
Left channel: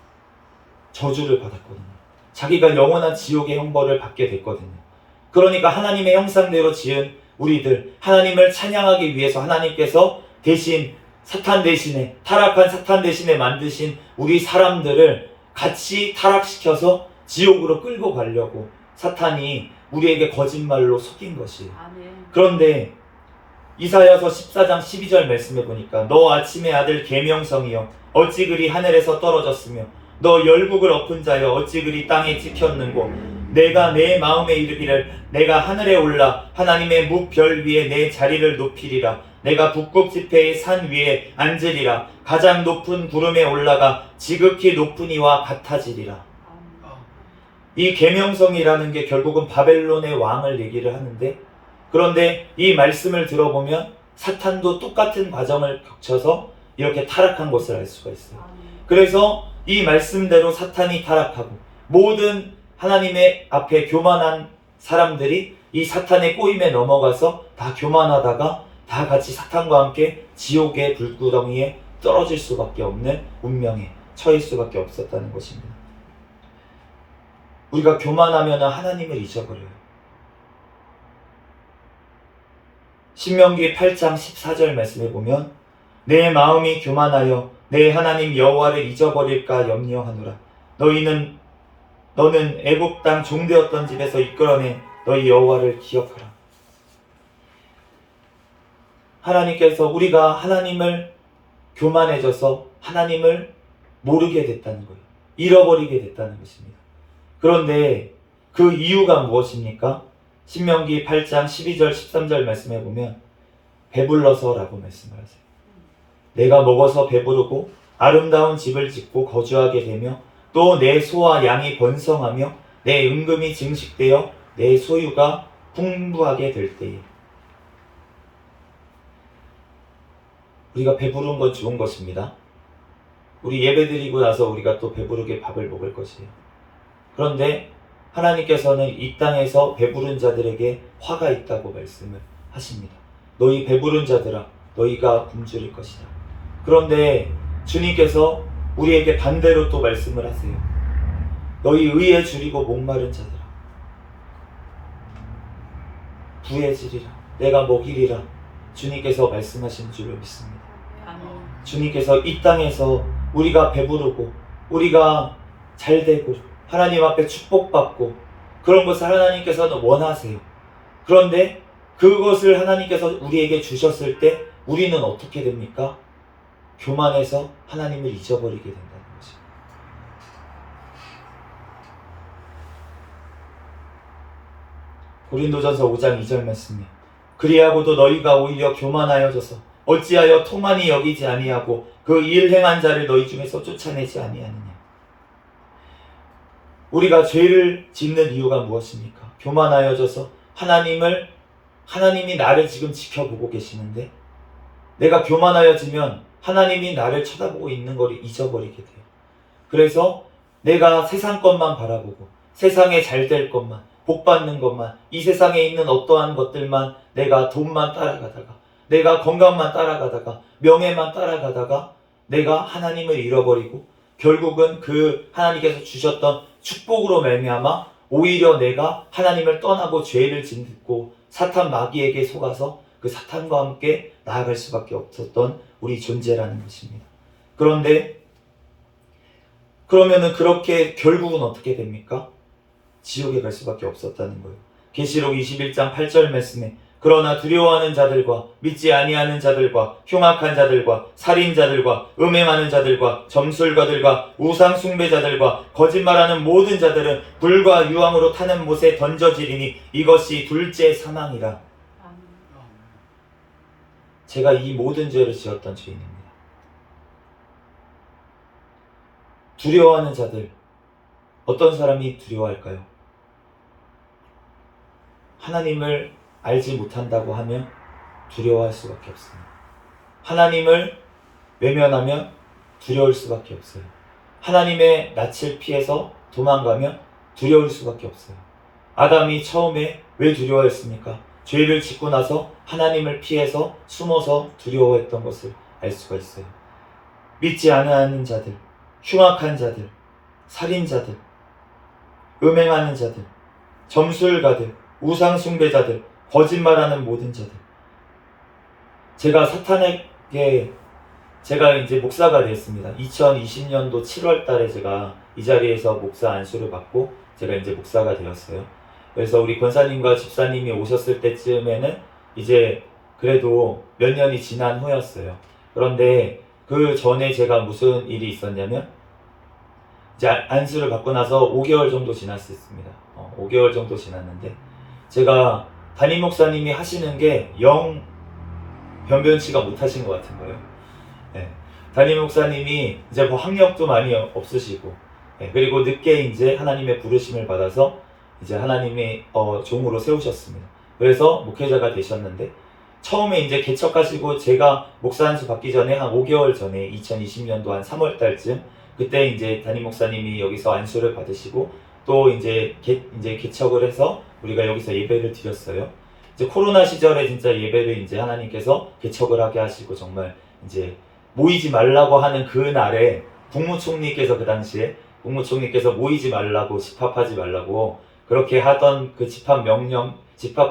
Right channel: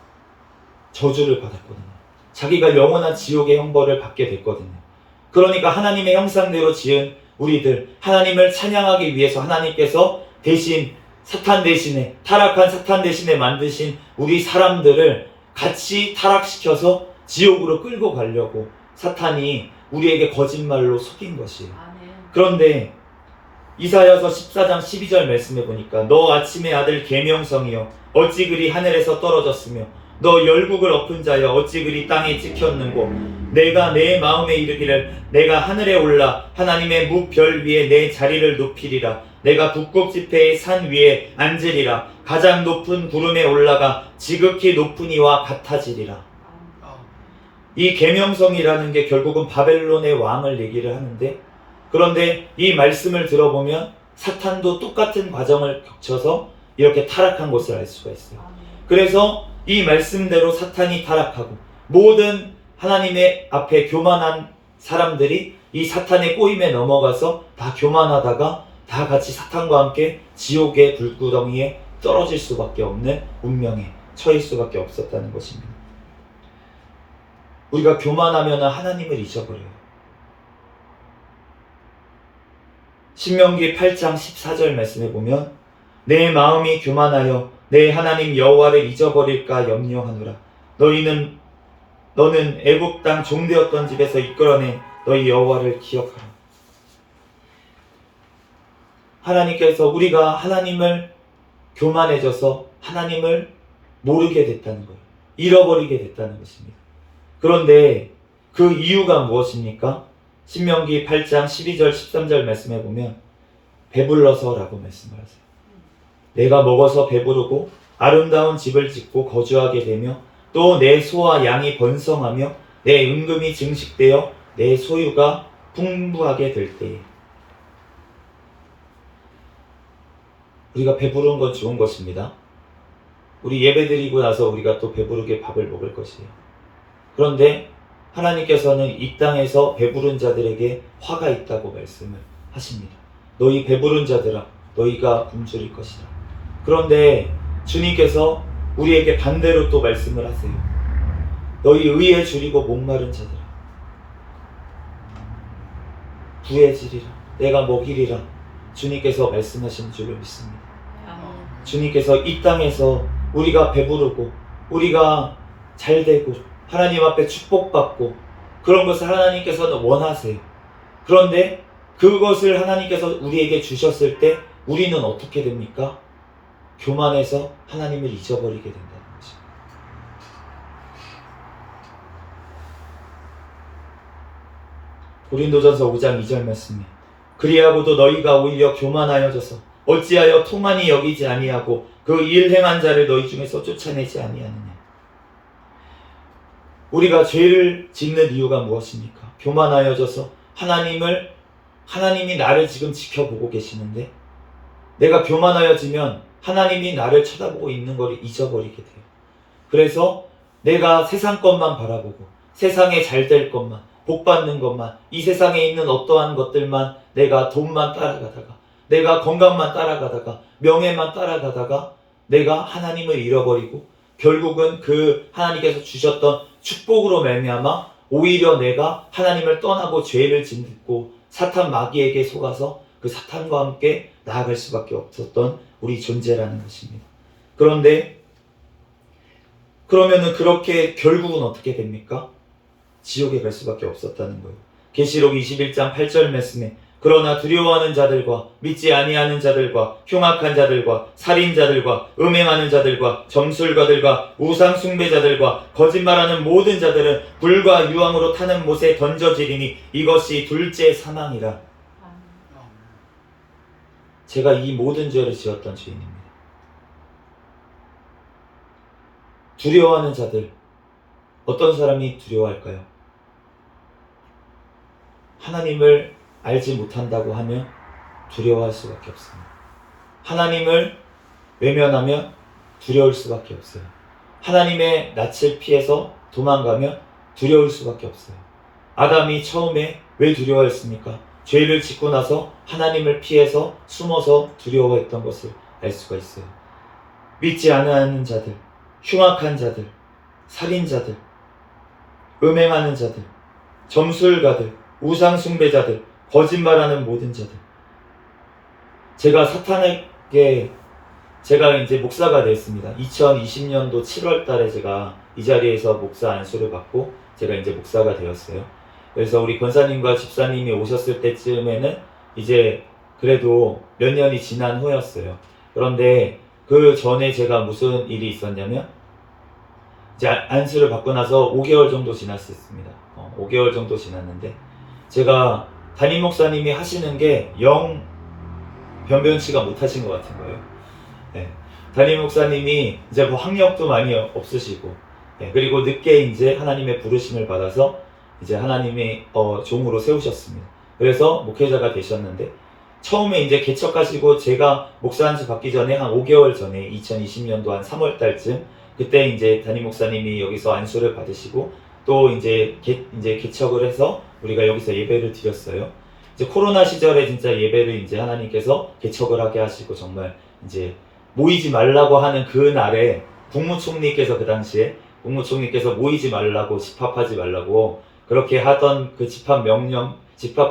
저주를 받았거든요. 자기가 영원한 지옥의 형벌을 받게 됐거든요. 그러니까 하나님의 형상대로 지은 우리들, 하나님을 찬양하기 위해서 하나님께서 대신 사탄 대신에, 타락한 사탄 대신에 만드신 우리 사람들을 같이 타락시켜서 지옥으로 끌고 가려고 사탄이 우리에게 거짓말로 속인 것이에요. 아멘. 그런데 이사야서 14장 12절 말씀해 보니까 너 아침의 아들 계명성이여 어찌 그리 하늘에서 떨어졌으며 너 열국을 엎은 자여 어찌 그리 땅에 찍혔는고 내가 내 마음에 이르기를 내가 하늘에 올라 하나님의 무별 위에 내 자리를 높이리라. 내가 북극 지폐의 산 위에 앉으리라. 가장 높은 구름에 올라가 지극히 높은 이와 같아지리라. 이 계명성이라는 게 결국은 바벨론의 왕을 얘기를 하는데, 그런데 이 말씀을 들어보면 사탄도 똑같은 과정을 거쳐서 이렇게 타락한 것을 알 수가 있어요. 아멘. 그래서 이 말씀대로 사탄이 타락하고 모든 하나님의 앞에 교만한 사람들이 이 사탄의 꼬임에 넘어가서 다 교만하다가 다 같이 사탄과 함께 지옥의 불구덩이에 떨어질 수밖에 없는 운명에 처할 수밖에 없었다는 것입니다. 우리가 교만하면 하나님을 잊어버려요. 신명기 8장 14절 말씀에 보면 내 마음이 교만하여 내 하나님 여호와를 잊어버릴까 염려하노라. 너는 애굽 땅 종되었던 집에서 이끌어낸 너희 여호와를 기억하라. 하나님께서 우리가 하나님을 교만해져서 하나님을 모르게 됐다는 거예요. 잃어버리게 됐다는 것입니다. 그런데 그 이유가 무엇입니까? 신명기 8장 12절 13절 말씀해 보면 배불러서라고 말씀을 하세요. 내가 먹어서 배부르고 아름다운 집을 짓고 거주하게 되며 또 내 소와 양이 번성하며 내 은금이 증식되어 내 소유가 풍부하게 될 때에. 우리가 배부른 건 좋은 것입니다. 우리 예배드리고 나서 우리가 또 배부르게 밥을 먹을 것이에요. 그런데 하나님께서는 이 땅에서 배부른 자들에게 화가 있다고 말씀을 하십니다. 너희 배부른 자들아, 너희가 굶주릴 것이다. 그런데 주님께서 우리에게 반대로 또 말씀을 하세요. 너희 의에 줄이고 목마른 자들아, 부해지리라. 내가 먹이리라. 주님께서 말씀하신 줄로 믿습니다. 주님께서 이 땅에서 우리가 배부르고 우리가 잘되고 하나님 앞에 축복받고 그런 것을 하나님께서는 원하세요. 그런데 그것을 하나님께서 우리에게 주셨을 때 우리는 어떻게 됩니까? 교만해서 하나님을 잊어버리게 된다는 거죠. 고린도전서 5장 2절 말씀에 그리하고도 너희가 오히려 교만하여져서 어찌하여 통한이 여기지 아니하고 그 일 행한 자를 너희 중에서 쫓아내지 아니하느냐. 우리가 죄를 짓는 이유가 무엇입니까? 교만하여져서 하나님이 나를 지금 지켜보고 계시는데 내가 교만하여지면 하나님이 나를 쳐다보고 있는 것을 잊어버리게 돼요. 그래서 내가 세상 것만 바라보고 세상에 잘 될 것만, 복 받는 것만, 이 세상에 있는 어떠한 것들만, 내가 돈만 따라가다가, 내가 건강만 따라가다가, 명예만 따라가다가 내가 하나님을 잃어버리고 결국은 그 하나님께서 주셨던 축복으로 말미암아 오히려 내가 하나님을 떠나고 죄를 짓고 사탄 마귀에게 속아서 그 사탄과 함께 나아갈 수밖에 없었던 우리 존재라는 것입니다. 그런데 그러면은 그렇게 결국은 어떻게 됩니까? 지옥에 갈 수밖에 없었다는 거예요. 계시록 21장 8절 말씀에 그러나 두려워하는 자들과 믿지 아니하는 자들과 흉악한 자들과 살인자들과 음행하는 자들과 점술가들과 우상 숭배자들과 거짓말하는 모든 자들은 불과 유황으로 타는 못에 던져지리니 이것이 둘째 사망이라. 제가 이 모든 죄를 지었던 죄인입니다. 두려워하는 자들, 어떤 사람이 두려워할까요? 하나님을 알지 못한다고 하면 두려워할 수밖에 없습니다. 하나님을 외면하면 두려울 수밖에 없어요. 하나님의 낯을 피해서 도망가면 두려울 수밖에 없어요. 아담이 처음에 왜 두려워했습니까? 죄를 짓고 나서 하나님을 피해서 숨어서 두려워했던 것을 알 수가 있어요. 믿지 않는 자들, 흉악한 자들, 살인자들, 음행하는 자들, 점술가들, 우상 숭배자들, 거짓말하는 모든 자들. 제가 제가 이제 목사가 되었습니다. 2020년도 7월 달에 제가 이 자리에서 목사 안수를 받고 제가 이제 목사가 되었어요. 그래서 우리 권사님과 집사님이 오셨을 때쯤에는 이제 그래도 몇 년이 지난 후였어요. 그런데 그 전에 제가 무슨 일이 있었냐면 이제 안수를 받고 나서 5개월 정도 지났습니다. 5개월 정도 지났는데 제가 담임 목사님이 하시는 게 영 변변치가 못하신 것 같은 거예요. 네. 담임 목사님이 이제 뭐 학력도 많이 없으시고, 네. 그리고 늦게 이제 하나님의 부르심을 받아서 이제 하나님의 종으로 세우셨습니다. 그래서 목회자가 되셨는데 처음에 이제 개척하시고 제가 목사 안수 받기 전에 한 5개월 전에 2020년도 한 3월 달쯤 그때 이제 담임 목사님이 여기서 안수를 받으시고 또 이제 개척을 해서 우리가 여기서 예배를 드렸어요. 이제 코로나 시절에 진짜 예배를 이제 하나님께서 개척을 하게 하시고 정말 이제 모이지 말라고 하는 그 날에 국무총리께서 그 당시에 국무총리께서 모이지 말라고 집합하지 말라고 그렇게 하던 그 집합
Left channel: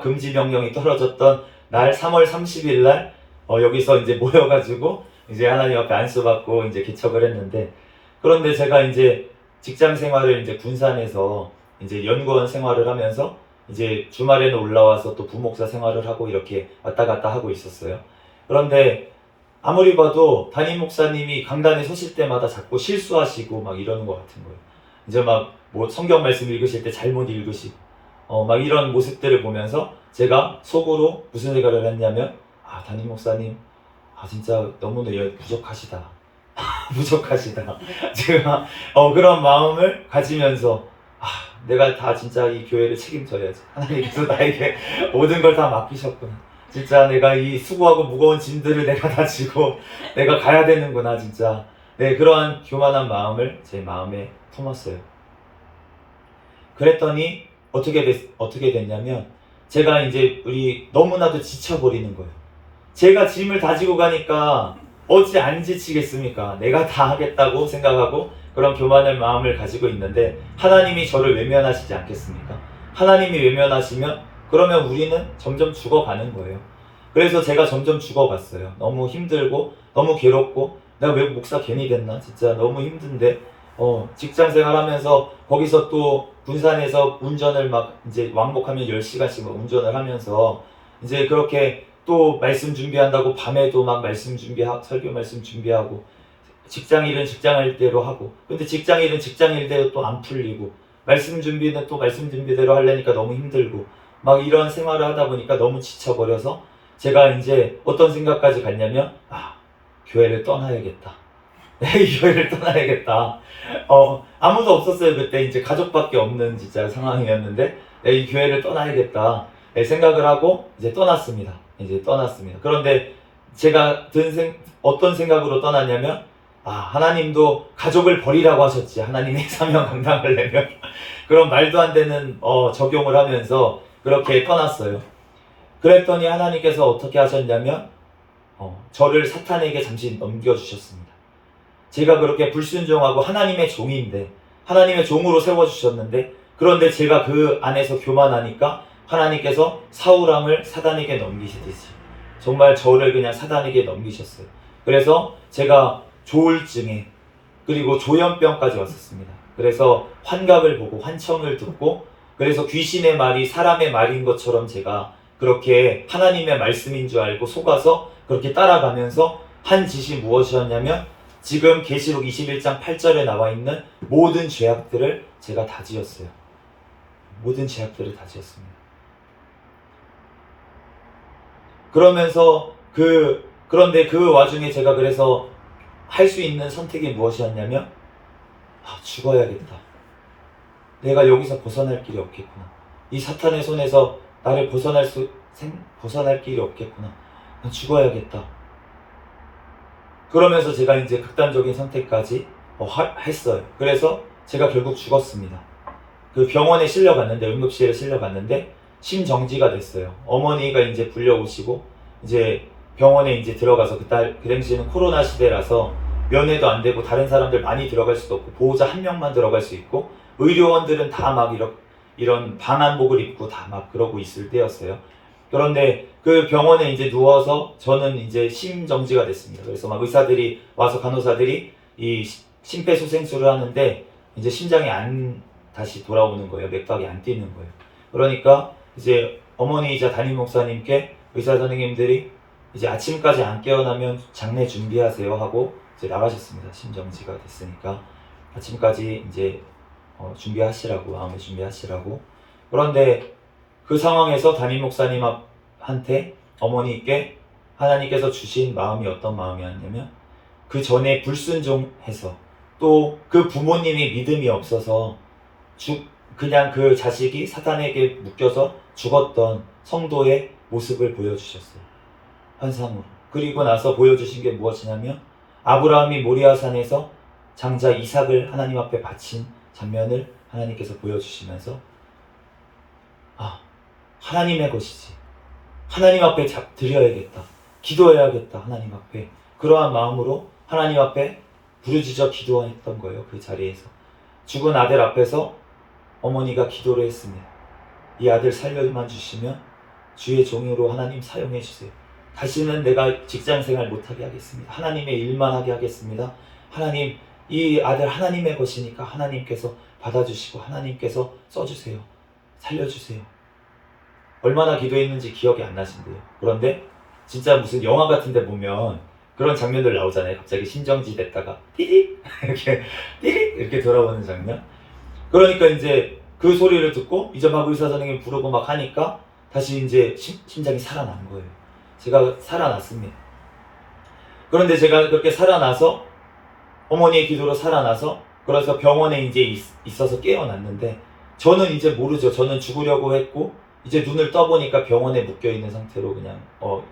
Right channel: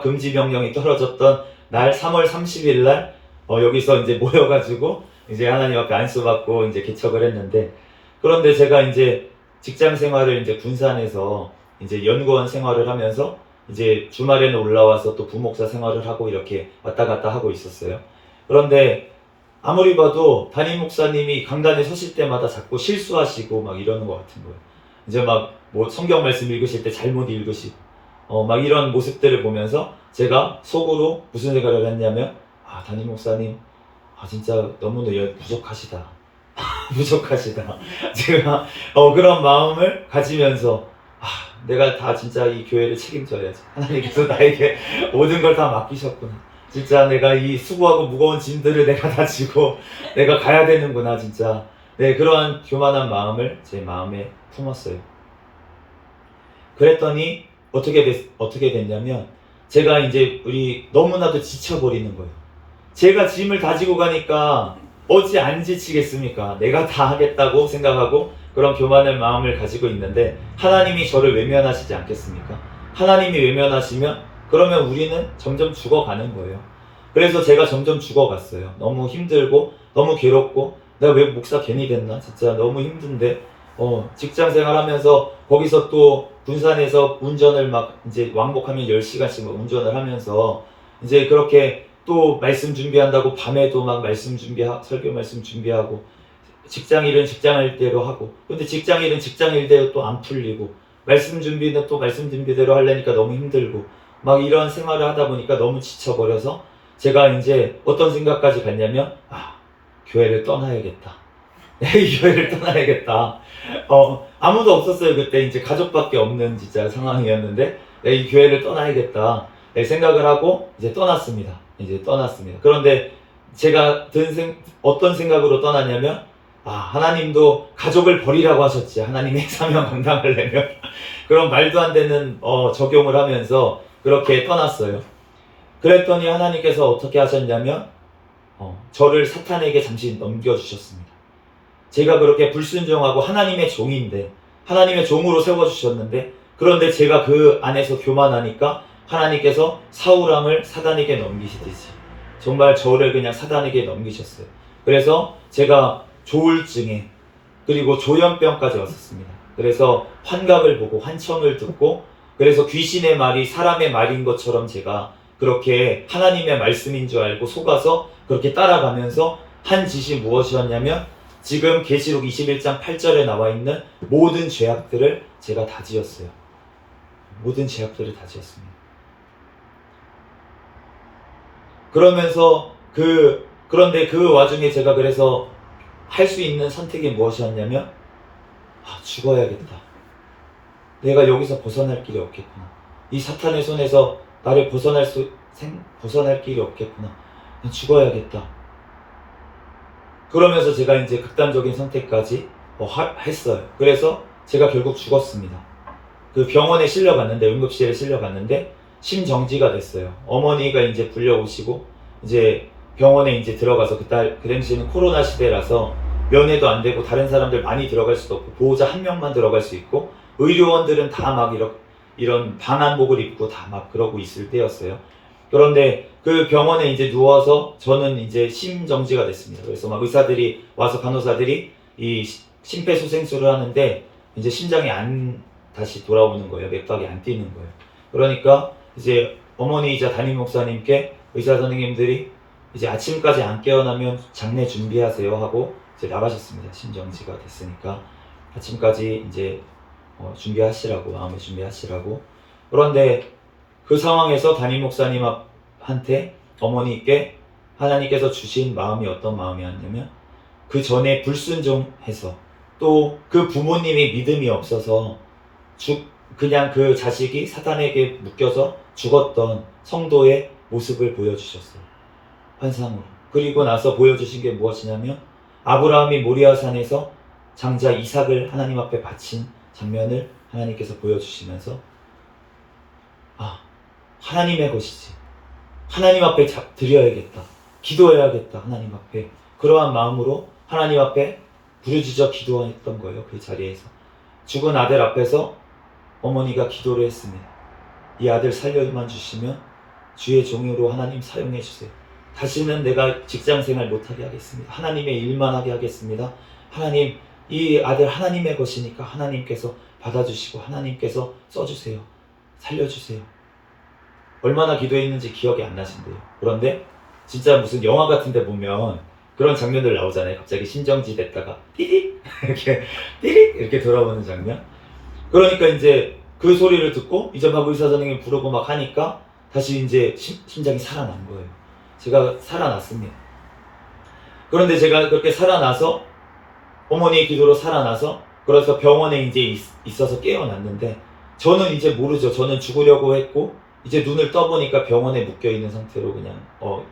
금지 명령이 떨어졌던 날 3월 30일 날 여기서 이제 모여가지고 이제 하나님 앞에 안수받고 이제 개척을 했는데 그런데 제가 이제 직장 생활을 이제 군산에서 이제 연구원 생활을 하면서 이제 주말에는 올라와서 또 부목사 생활을 하고 이렇게 왔다 갔다 하고 있었어요. 그런데 아무리 봐도 담임 목사님이 강단에 서실 때마다 자꾸 실수하시고 막 이러는 것 같은 거예요. 이제 막 뭐 성경 말씀 읽으실 때 잘못 읽으시고 막 이런 모습들을 보면서 제가 속으로 무슨 생각을 했냐면 담임 목사님 진짜 너무나 부족하시다. 부족하시다. 제가 그런 마음을 가지면서 내가 다 진짜 이 교회를 책임져야지. 하나님께서 나에게 모든 걸 다 맡기셨구나. 진짜 내가 이 수고하고 무거운 짐들을 내가 다 지고 내가 가야 되는구나 진짜. 네, 그러한 교만한 마음을 제 마음에 품었어요. 그랬더니 어떻게 됐냐면 제가 이제 우리 너무나도 지쳐버리는 거예요. 제가 짐을 다지고 가니까 어찌 안 지치겠습니까? 내가 다 하겠다고 생각하고 그런 교만한 마음을 가지고 있는데 하나님이 저를 외면하시지 않겠습니까? 하나님이 외면하시면 그러면 우리는 점점 죽어가는 거예요. 그래서 제가 점점 죽어갔어요. 너무 힘들고 너무 괴롭고 내가 왜 목사 괜히 됐나? 진짜 너무 힘든데 직장 생활하면서 거기서 또 군산에서 운전을 막 이제 왕복하면 10시간씩 운전을 하면서 이제 그렇게 또 말씀 준비한다고 밤에도 막 말씀 준비하고 설교 말씀 준비하고 직장 일은 직장 일대로 하고 근데 직장 일은 직장 일대로 또 안 풀리고 말씀 준비는 또 말씀 준비대로 하려니까 너무 힘들고 막 이런 생활을 하다 보니까 너무 지쳐버려서 제가 이제 어떤 생각까지 갔냐면 교회를 떠나야겠다. 이 교회를 떠나야겠다. 아무도 없었어요. 그때 이제 가족밖에 없는 진짜 상황이었는데 이 교회를 떠나야겠다. 생각을 하고 이제 떠났습니다. 그런데 제가 어떤 생각으로 떠났냐면 하나님도 가족을 버리라고 하셨지. 하나님의 사명 감당하려면 그런 말도 안 되는 적용을 하면서 그렇게 떠났어요. 그랬더니 하나님께서 어떻게 하셨냐면 저를 사탄에게 잠시 넘겨주셨습니다. 제가 그렇게 불순종하고 하나님의 종인데 하나님의 종으로 세워주셨는데 그런데 제가 그 안에서 교만하니까 하나님께서 사울왕을 사단에게 넘기시듯이 정말 저를 그냥 사단에게 넘기셨어요. 그래서 제가 조울증에 그리고 조현병까지 왔었습니다. 그래서 환각을 보고 환청을 듣고 그래서 귀신의 말이 사람의 말인 것처럼 제가 그렇게 하나님의 말씀인 줄 알고 속아서 그렇게 따라가면서 한 짓이 무엇이었냐면 지금 계시록 21장 8절에 나와 있는 모든 죄악들을 제가 다 지었어요. 모든 죄악들을 다 지었습니다. 그러면서 그런데 그 와중에 제가 그래서 할 수 있는 선택이 무엇이었냐면 죽어야겠다. 내가 여기서 벗어날 길이 없겠구나. 이 사탄의 손에서 나를 벗어날 길이 없겠구나. 난 죽어야겠다. 그러면서 제가 이제 극단적인 선택까지 했어요. 그래서 제가 결국 죽었습니다. 그 병원에 실려갔는데 응급실에 실려갔는데 심정지가 됐어요. 어머니가 이제 불려오시고 이제 병원에 이제 들어가서 그 당시에는 코로나 시대라서 면회도 안 되고 다른 사람들 많이 들어갈 수도 없고 보호자 한 명만 들어갈 수 있고 의료원들은 다 막 이런 방한복을 입고 다 막 그러고 있을 때였어요. 그런데 그 병원에 이제 누워서 저는 이제 심정지가 됐습니다. 그래서 막 의사들이 와서 간호사들이 이 심폐소생술을 하는데 이제 심장이 안 다시 돌아오는 거예요. 맥박이 안 뛰는 거예요. 그러니까 이제 어머니이자 담임 목사님께 의사 선생님들이 이제 아침까지 안 깨어나면 장례 준비하세요 하고 이제 나가셨습니다. 심정지가 됐으니까 아침까지 이제 준비하시라고 마음에 준비하시라고. 그런데 그 상황에서 담임 목사님한테 어머니께 하나님께서 주신 마음이 어떤 마음이었냐면 그 전에 불순종해서 또 그 부모님이 믿음이 없어서 그냥 그 자식이 사탄에게 묶여서 죽었던 성도의 모습을 보여주셨어요. 환상으로. 그리고 나서 보여주신 게 무엇이냐면 아브라함이 모리아산에서 장자 이삭을 하나님 앞에 바친 장면을 하나님께서 보여주시면서 하나님의 것이지. 하나님 앞에 드려야겠다. 기도해야겠다. 하나님 앞에. 그러한 마음으로 하나님 앞에 부르짖어 기도했던 거예요. 그 자리에서. 죽은 아들 앞에서 어머니가 기도를 했습니다. 이 아들 살려만 주시면 주의 종으로 하나님 사용해 주세요. 다시는 내가 직장생활 못하게 하겠습니다. 하나님의 일만 하게 하겠습니다. 하나님, 이 아들 하나님의 것이니까 하나님께서 받아주시고 하나님께서 써주세요. 살려주세요. 얼마나 기도했는지 기억이 안 나신대요. 그런데 진짜 무슨 영화 같은 데 보면 그런 장면들 나오잖아요. 갑자기 심정지 됐다가 띠릭 이렇게 돌아오는 장면. 그러니까 이제 그 소리를 듣고 이제 막 의사 선생님 부르고 막 하니까 다시 이제 심장이 살아난 거예요. 제가 살아났습니다. 그런데 제가 그렇게 살아나서 어머니의 기도로 살아나서 그래서 병원에 이제 있어서 깨어났는데 저는 이제 모르죠. 저는 죽으려고 했고 이제 눈을 떠보니까 병원에 묶여있는 상태로 그냥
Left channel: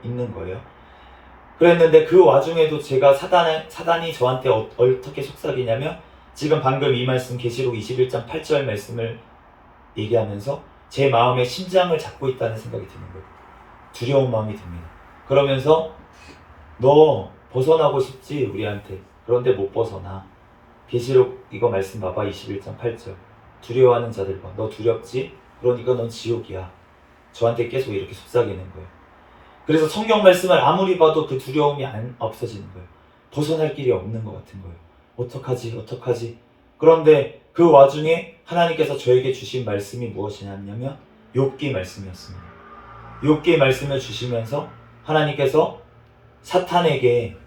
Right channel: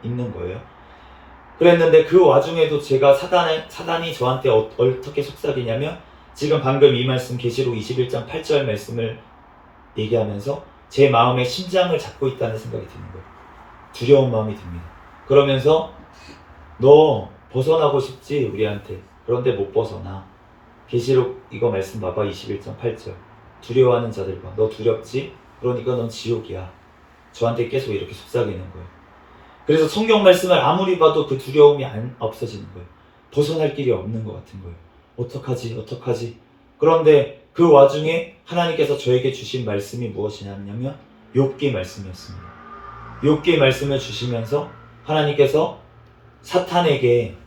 있는 거예요. 그랬는데 그 와중에도 제가 사단이 저한테 어떻게 속삭이냐면 지금 방금 이 말씀 계시록 21장 8절 말씀을 얘기하면서 제 마음의 심장을 잡고 있다는 생각이 드는 거예요. 두려운 마음이 듭니다. 그러면서 너 벗어나고 싶지 우리한테. 그런데 못 벗어나. 계시록 이거 말씀 봐봐. 21장 8절. 두려워하는 자들과 너 두렵지? 그러니까 넌 지옥이야. 저한테 계속 이렇게 속삭이는 거예요. 그래서 성경 말씀을 아무리 봐도 그 두려움이 없어지는 거예요. 벗어날 길이 없는 것 같은 거예요. 어떡하지? 그런데 그 와중에 하나님께서 저에게 주신 말씀이 무엇이냐면 욥기 말씀이었습니다. 욥기 말씀을 주시면서 하나님께서 사탄에게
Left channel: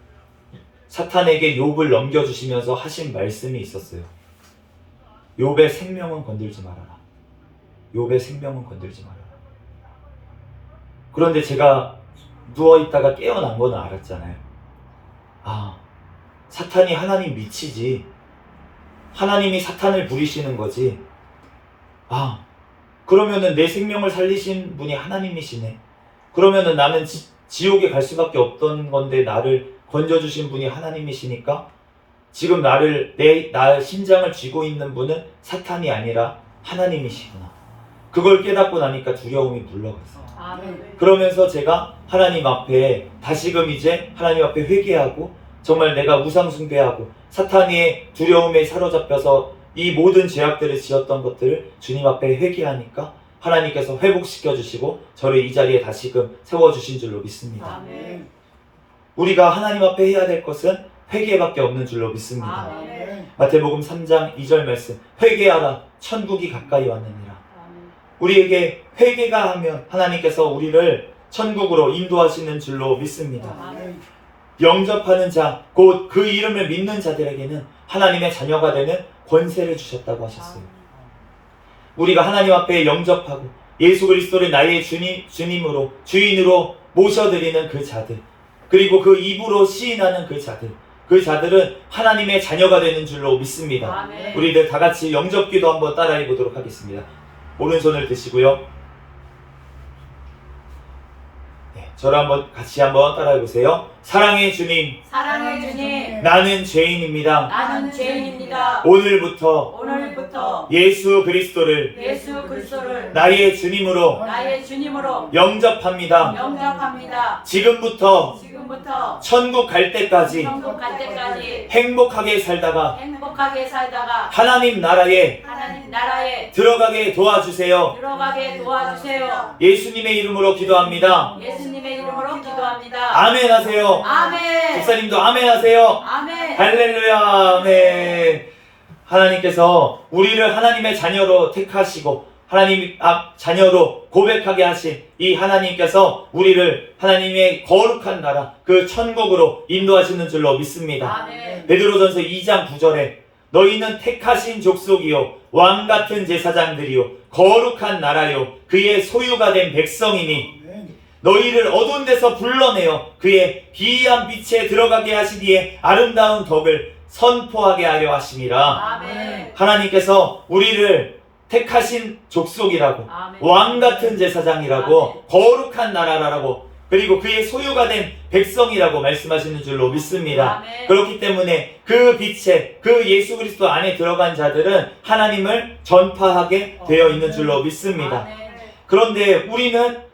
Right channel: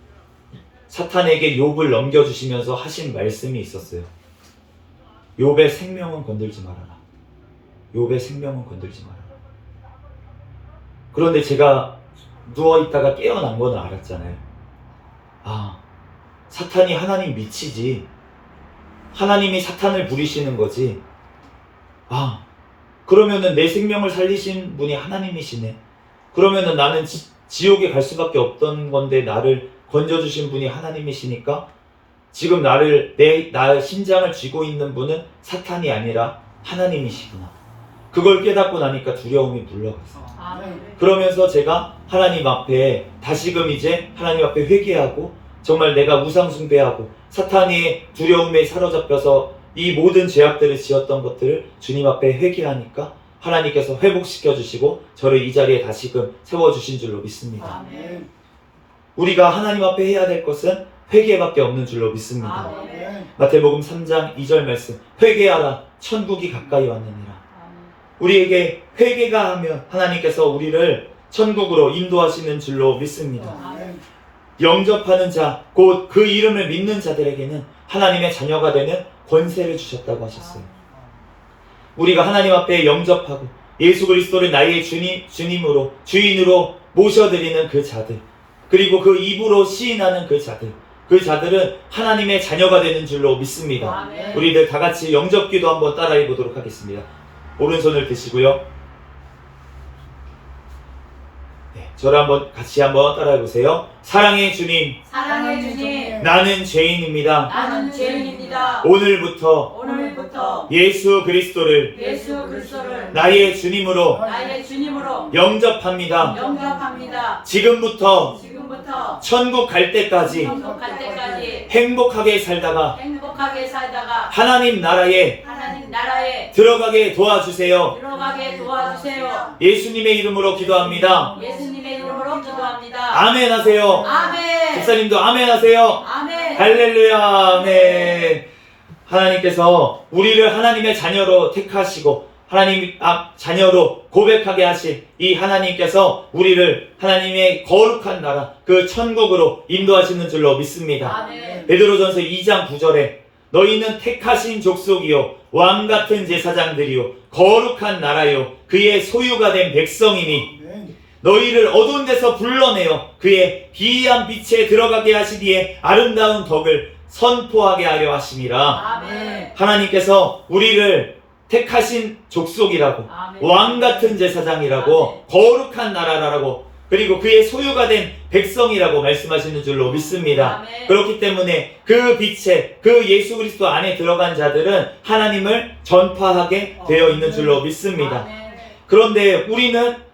욥을 넘겨주시면서 하신 말씀이 있었어요. 욥의 생명은 건들지 말아라. 욥의 생명은 건들지 말아라. 그런데 제가 누워있다가 깨어난 거는 알았잖아요. 아, 사탄이 하나님 미치지. 하나님이 사탄을 부리시는 거지. 아, 그러면은 내 생명을 살리신 분이 하나님이시네. 그러면은 나는 지옥에 갈 수밖에 없던 건데 나를 건져주신 분이 하나님이시니까 지금 나의 심장을 쥐고 있는 분은 사탄이 아니라 하나님이시구나. 그걸 깨닫고 나니까 두려움이 물러갔어요. 그러면서 제가 하나님 앞에 다시금 이제 하나님 앞에 회개하고 정말 내가 우상 숭배하고 사탄의 두려움에 사로잡혀서 이 모든 죄악들을 지었던 것들을 주님 앞에 회개하니까 하나님께서 회복시켜 주시고 저를 이 자리에 다시금 세워주신 줄로 믿습니다. 아멘. 우리가 하나님 앞에 해야 될 것은 회개밖에 없는 줄로 믿습니다. 아멘. 마태복음 3장 2절 말씀, 회개하라 천국이 가까이 왔느니라. 우리에게 회개가 하면 하나님께서 우리를 천국으로 인도하시는 줄로 믿습니다. 아멘. 영접하는 자, 곧 그 이름을 믿는 자들에게는 하나님의 자녀가 되는 권세를 주셨다고 하셨어요. 우리가 하나님 앞에 영접하고 예수 그리스도를 나의 주님으로 주인으로 모셔드리는 그 자들, 그리고 그 입으로 시인하는 그 자들은 하나님의 자녀가 되는 줄로 믿습니다. 아멘. 우리들 다 같이 영접기도 한번 따라해 보도록 하겠습니다. 오른손을 드시고요. 네, 저를 같이 한번 따라해 보세요. 사랑의 주님, 사랑의 주님, 나는 죄인입니다. 나는 죄인입니다. 오늘부터 오늘부터 예수 그리스도를 예수 그리스도를 나의 주님으로 나의 주님으로 영접합니다. 영접합니다. 지금부터 지금부터 천국 갈 때까지 천국 갈 때까지 행복하게 살다가 행복하게 살다가 하나님 나라에 하나님 나라에 들어가게 도와주세요. 들어가게 도와주세요. 예수님의 이름으로 기도합니다. 예수님의 이름으로 기도합니다. 아멘 하세요. 아멘. 목사님도 아멘 하세요. 아멘. 할렐루야. 아멘. 하나님께서 우리를 하나님의 자녀로 택하시고 하나님 앞 자녀로 고백하게 하신 이 하나님께서 우리를 하나님의 거룩한 나라 그 천국으로 인도하시는 줄로 믿습니다. 아멘. 베드로전서 2장 9절에 너희는 택하신 족속이요 왕같은 제사장들이요 거룩한 나라요 그의 소유가 된 백성이니 너희를 어두운 데서 불러내어 그의 기이한 빛에 들어가게 하시기에 아름다운 덕을 선포하게 하려 하심이라. 아멘. 하나님께서 우리를 택하신 족속이라고 아멘. 왕같은 제사장이라고 거룩한 나라라고 그리고 그의 소유가 된 백성이라고 말씀하시는 줄로 믿습니다. 아멘. 그렇기 때문에 그 빛에 그 예수 그리스도 안에 들어간 자들은 하나님을 전파하게 되어 있는 줄로 믿습니다. 아멘. 그런데 우리는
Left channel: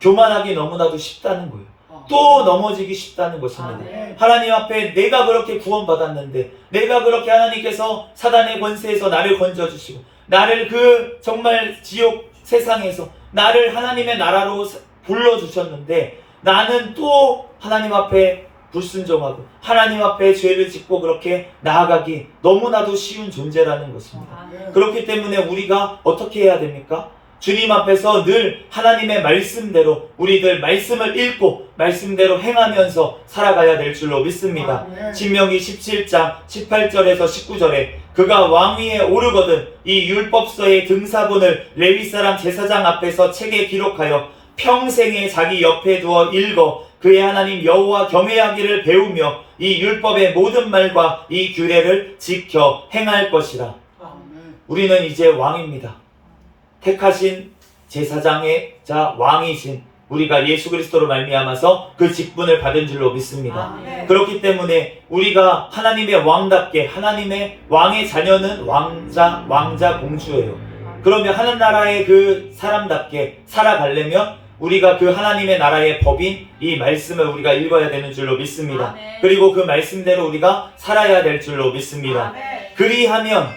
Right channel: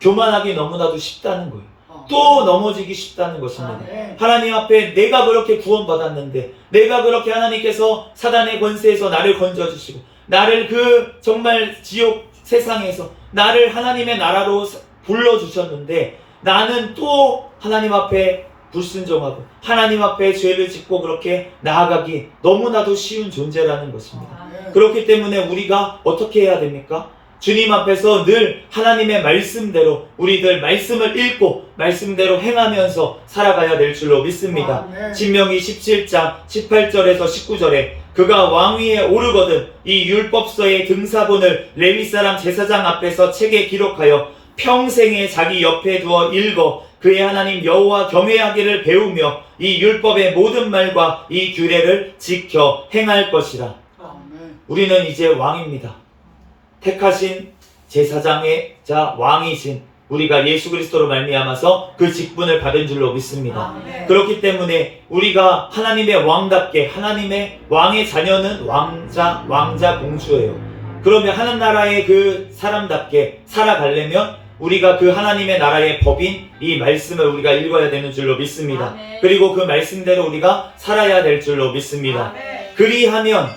교만하기 너무나도 쉽다는 거예요. 또 넘어지기 쉽다는 것입니다. 아멘. 하나님 앞에 내가 그렇게 구원받았는데 내가 그렇게 하나님께서 사단의 권세에서 나를 건져주시고 나를 그 정말 지옥 세상에서 나를 하나님의 나라로 불러주셨는데 나는 또 하나님 앞에 불순종하고 하나님 앞에 죄를 짓고 그렇게 나아가기 너무나도 쉬운 존재라는 것입니다. 아멘. 그렇기 때문에 우리가 어떻게 해야 됩니까? 주님 앞에서 늘 하나님의 말씀대로 우리들 말씀을 읽고 말씀대로 행하면서 살아가야 될 줄로 믿습니다. 신명기 17장 18절에서 19절에 그가 왕위에 오르거든 이 율법서의 등사본을 레위 사람 제사장 앞에서 책에 기록하여 평생에 자기 옆에 두어 읽어 그의 하나님 여호와 경외하기를 배우며 이 율법의 모든 말과 이 규례를 지켜 행할 것이라. 우리는 이제 왕입니다. 택하신 제사장의 자 왕이신 우리가 예수 그리스도로 말미암아서 그 직분을 받은 줄로 믿습니다. 아멘. 그렇기 때문에 우리가 하나님의 왕답게 하나님의 왕의 자녀는 왕자 공주예요. 그러면 하는 나라의 그 사람답게 살아가려면 우리가 그 하나님의 나라의 법인 이 말씀을 우리가 읽어야 되는 줄로 믿습니다. 아멘. 그리고 그 말씀대로 우리가 살아야 될 줄로 믿습니다. 아멘. 그리하면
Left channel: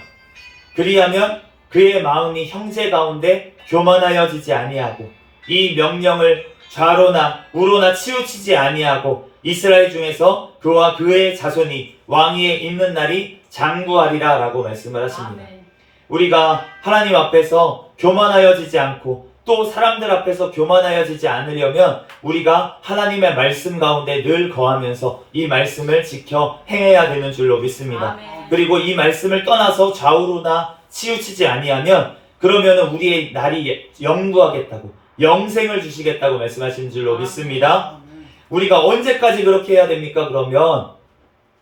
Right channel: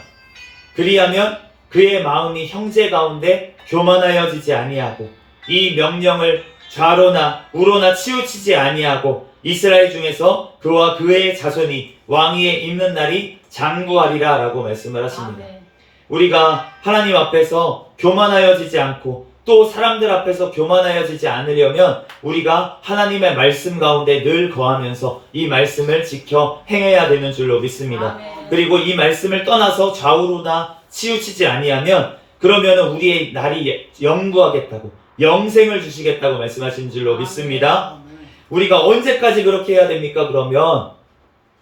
그의 마음이 형제 가운데 교만하여지지 아니하고 이 명령을 좌로나 우로나 치우치지 아니하고 이스라엘 중에서 그와 그의 자손이 왕위에 있는 날이 장구하리라 라고 말씀을 하십니다. 아멘. 우리가 하나님 앞에서 교만하여지지 않고 또 사람들 앞에서 교만하여지지 않으려면 우리가 하나님의 말씀 가운데 늘 거하면서 이 말씀을 지켜 행해야 되는 줄로 믿습니다. 아멘. 그리고 이 말씀을 떠나서 좌우로나 치우치지 아니하면 그러면 우리의 날이 영구하겠다고 영생을 주시겠다고 말씀하신 줄로 믿습니다. 우리가 언제까지 그렇게 해야 됩니까? 그러면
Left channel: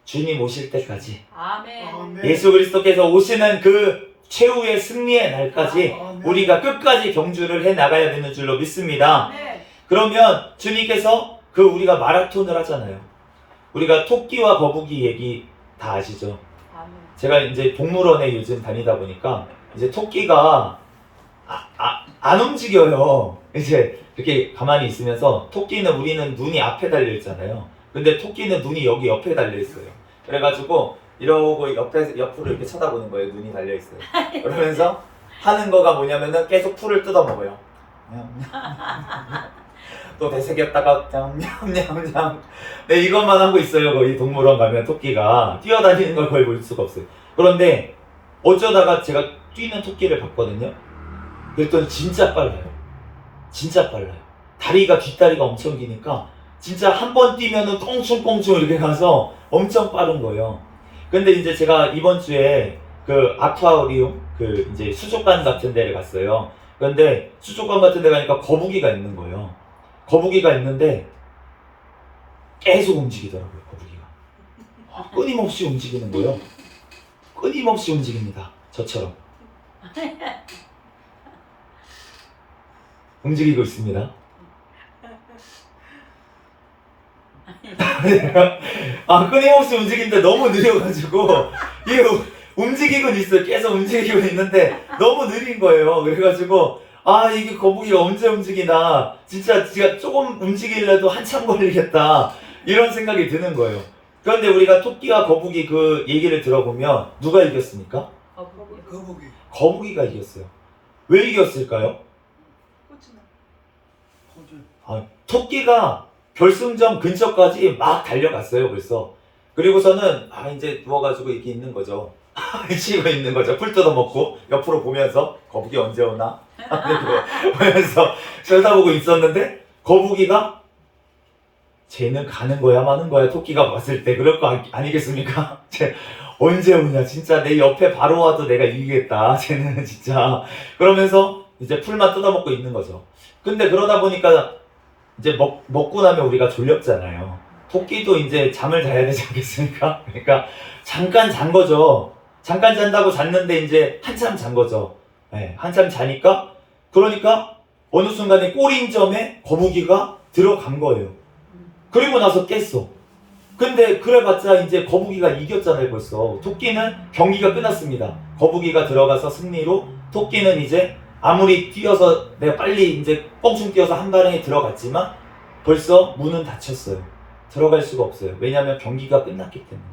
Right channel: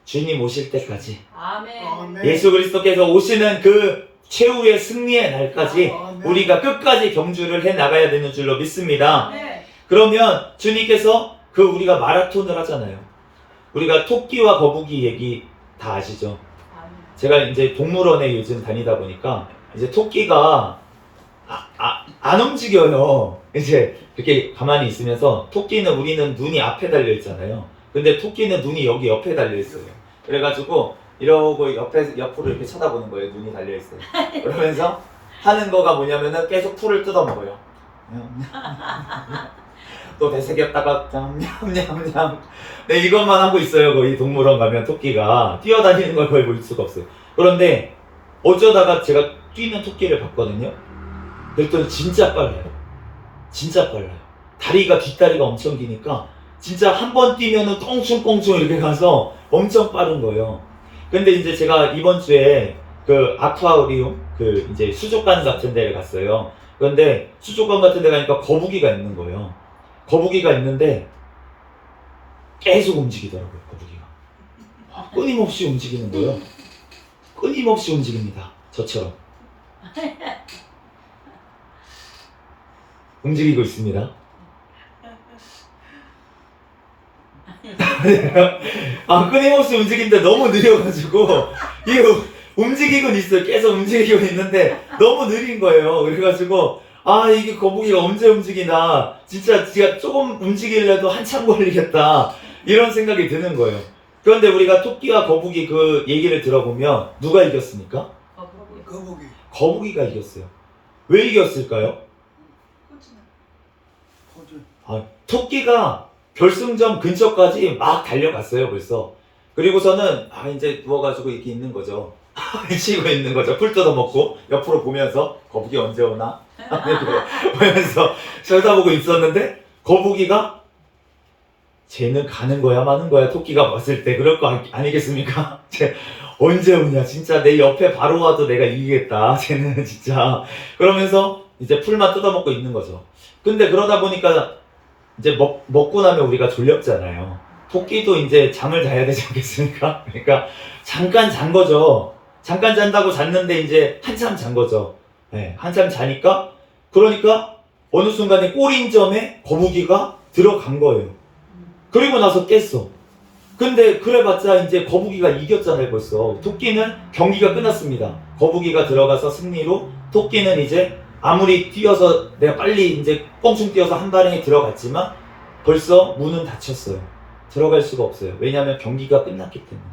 주님 오실 때까지 아멘. 예수 그리스도께서 오시는 그 최후의 승리의 날까지 우리가 끝까지 경주를 해 나가야 되는 줄로 믿습니다. 아멘. 그러면 주님께서 우리가 마라톤을 하잖아요. 우리가 토끼와 거북이 얘기 다 아시죠? 아멘. 제가 이제 동물원에 요즘 다니다 보니까 이제 토끼가 안 움직여요. 이제 이렇게 가만히 있으면서 우리는 눈이 앞에 달려 있잖아요. 근데 토끼는 눈이 여기 옆에 달려 있어요. 그래가지고 이러고 옆으로 이렇게 쳐다보는 거예요. 눈이 달려 있어요. 그러면서 하는 거가 뭐냐면은 계속 풀을 뜯어 먹어요. 또 되새겼다가 냠냠냠냠. 네, 이것만 하고 있어요. 거의 동물원 가면 토끼가 뛰어다니는 걸 거의 볼 수가 없어요. 그런데 어쩌다가 제가 뛰는 토끼를 봤거든요. 그랬더니 진짜 빨라요. 진짜 빨라요. 뒷다리가 엄청 기니까 진짜 한 번 뛰면은 꽁충꽁충 이렇게 가서 엄청 빠른 거예요. 근데 이제 제가 이번 주에 그 아쿠아리움 이제 수족관 같은 데를 갔어요. 그런데 수족관 같은 데 가니까 거북이가 있는 거예요. 거북이가 있는데 계속 움직이더라고요. 거북이가 끊임없이 움직이는 거예요. 끊임없이 움직입니다. 저처럼 움직이고 있습니다. 끊임없이 움직이는데 너무 느려가지고 이게 움직이곤 있어요. 계속 움직이고 있는데 너무 느린 거예요. 그래가지고 이게 거북이가 언제 움직이나 진짜 제가 조금 움직이려도 한참 걸리겠다 이런 생각이 드는 거예요. 그런데 우리가 토끼와 거북이 그 얘기를 들어보면 누가 이겼습니까? 거북이가 이겼어요. 왜 이겼을까요? 토끼가 결승점 근처까지 막 달려갔어요. 벌써. 그리고서는 이제 누워가지고 이렇게 있는 거죠. 쉬고 있는 거죠. 풀 뜯어먹고 옆으로 보면서 거북이 언제 오나 보면서 쳐다보고 있었는데 거북이가 쟤는 가는 거야 마는 거야. 토끼가 봤을 때 그럴 거 아니겠습니까? 쟤 언제 오냐. 진짜 내 옆에 바로 와도 내가 이기겠다. 쟤는 진짜. 그러면서 이제 풀만 뜯어먹고 있는 거죠. 근데 그러다 보니까 이제 먹고 나면 우리가 졸렸잖아요. 토끼도 이제 잠을 자야 되지 않겠습니까? 그러니까 잠깐 잔 거죠. 잠깐 잔다고 잤는데 이제 한참 잔 거죠. 네, 한참 자니까 그러니까 어느 순간에 꼬린점에 거북이가 들어간 거예요. 그리고 나서 깼어. 근데 그래봤자 이제 거북이가 이겼잖아요. 벌써 토끼는 경기가 끝났습니다. 거북이가 들어가서 승리로 토끼는 이제 아무리 뛰어서 내가 빨리 이제 뻥충 뛰어서 한 발에 들어갔지만 벌써 문은 닫혔어요. 들어갈 수가 없어요. 왜냐하면 경기가 끝났기 때문에.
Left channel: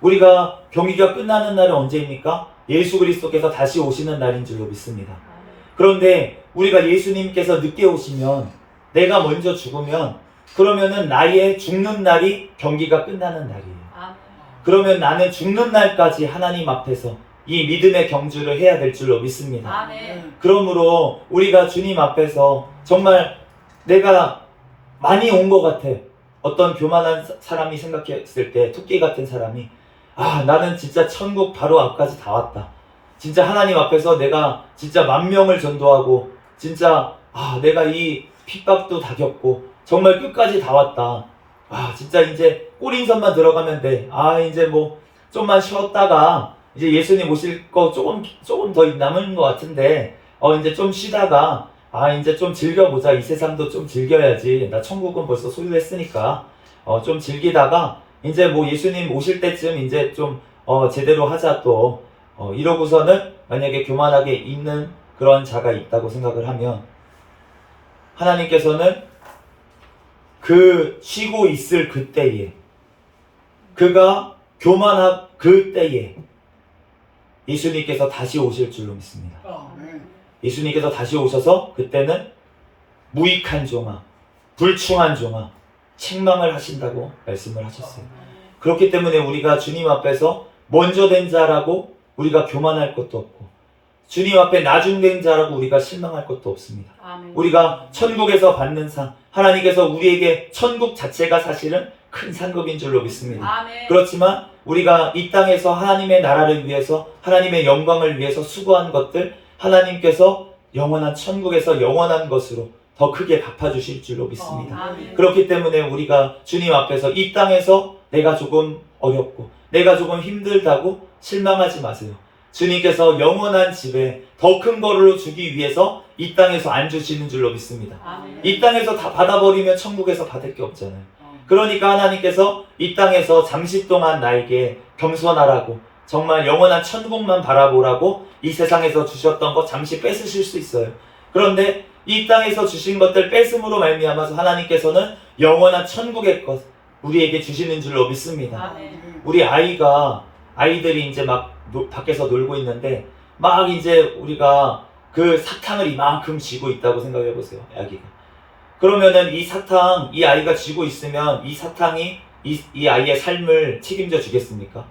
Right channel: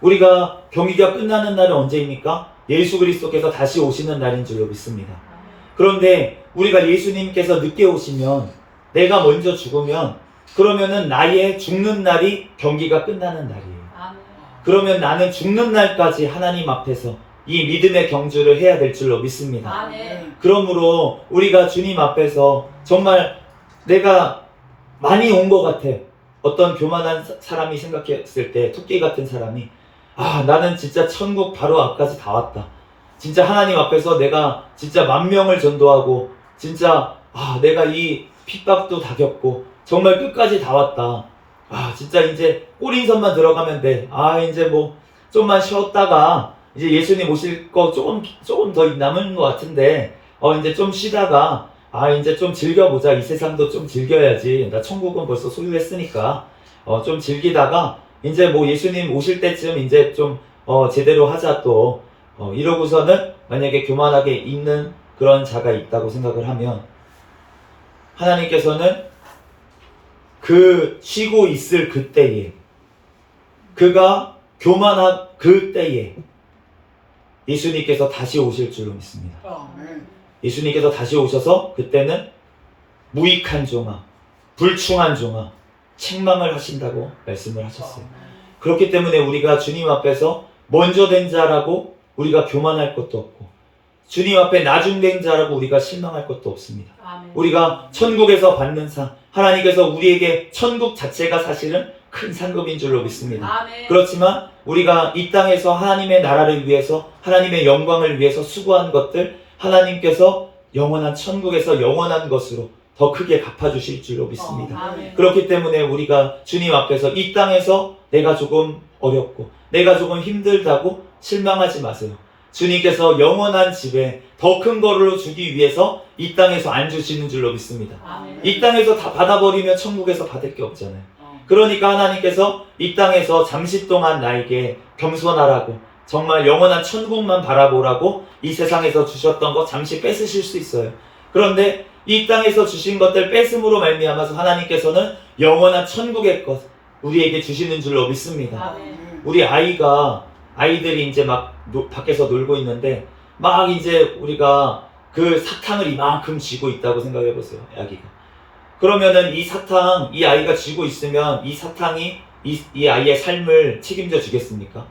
우리가 경기가 끝나는 날은 언제입니까? 예수 그리스도께서 다시 오시는 날인 줄로 믿습니다. 그런데 우리가 예수님께서 늦게 오시면 내가 먼저 죽으면 그러면은 나의 죽는 날이 경기가 끝나는 날이에요. 그러면 나는 죽는 날까지 하나님 앞에서 이 믿음의 경주를 해야 될 줄로 믿습니다. 아멘. 그러므로 우리가 주님 앞에서 정말 내가 많이 온 것 같아. 어떤 교만한 사람이 생각했을 때 토끼 같은 사람이 나는 진짜 천국 바로 앞까지 다 왔다. 진짜 하나님 앞에서 내가 진짜 10,000명을 전도하고 진짜 내가 이 핍박도 다 겪고 정말 끝까지 다 왔다. 진짜 이제 꼬린선만 들어가면 돼. 이제 뭐 좀만 쉬었다가 이제 예수님 오실 거 조금 더 남은 것 같은데 이제 좀 쉬다가 이제 좀 즐겨보자. 이 세상도 좀 즐겨야지. 나 천국은 벌써 소유했으니까 좀 즐기다가 이제 뭐 예수님 오실 때쯤 이제 좀 제대로 하자. 또 이러고서는 만약에 교만하게 있는 그런 자가 있다고 생각을 하면 하나님께서는 그 쉬고 있을 그때에 그가 교만한 그때에 예수님께서 다시 오실 줄로 믿습니다. 예수님께서 다시 오셔서 그때는 무익한 종아, 불충한 종아, 책망을 하신다고 말씀을 하셨어요. 그렇기 때문에 우리가 주님 앞에서 먼저 된 자라고 우리가 교만할 것도 없고 주님 앞에 나중된 자라고 우리가 실망할 것도 없습니다. 우리가 천국에서 받는 상, 하나님께서 우리에게 천국 자체가 사실은 큰 상급인 줄로 믿습니다. 그렇지만 우리가 이 땅에서 하나님의 나라를 위해서 하나님의 영광을 위해서 수고한 것들 하나님께서 영원한 천국에서 영원한 것으로 더 크게 갚아주실 줄로 믿습니다. 그렇기 때문에 우리가 주님 앞에서 이 땅에서 내가 조금 어렵고 내가 조금 힘들다고 실망하지 마세요. 주님께서 영원한 집에 더 큰 거로 주기 위해서 이 땅에서 안 주시는 줄로 믿습니다. 이 땅에서 다 받아버리면 천국에서 받을 게 없잖아요. 그러니까 하나님께서 이 땅에서 잠시 동안 나에게 겸손하라고 정말 영원한 천국만 바라보라고 이 세상에서 주셨던 것 잠시 뺏으실 수 있어요. 그런데 이 땅에서 주신 것들 뺏음으로 말미암아서 하나님께서는 영원한 천국의 것 우리에게 주시는 줄로 믿습니다. 우리 아이들이 이제 막 밖에서 놀고 있는데 막 이제 우리가 그 사탕을 이만큼 쥐고 있다고 생각해 보세요. 아기가. 그러면은 이 사탕, 이 아이가 쥐고 있으면 이 사탕이 이 아이의 삶을 책임져 주겠습니까?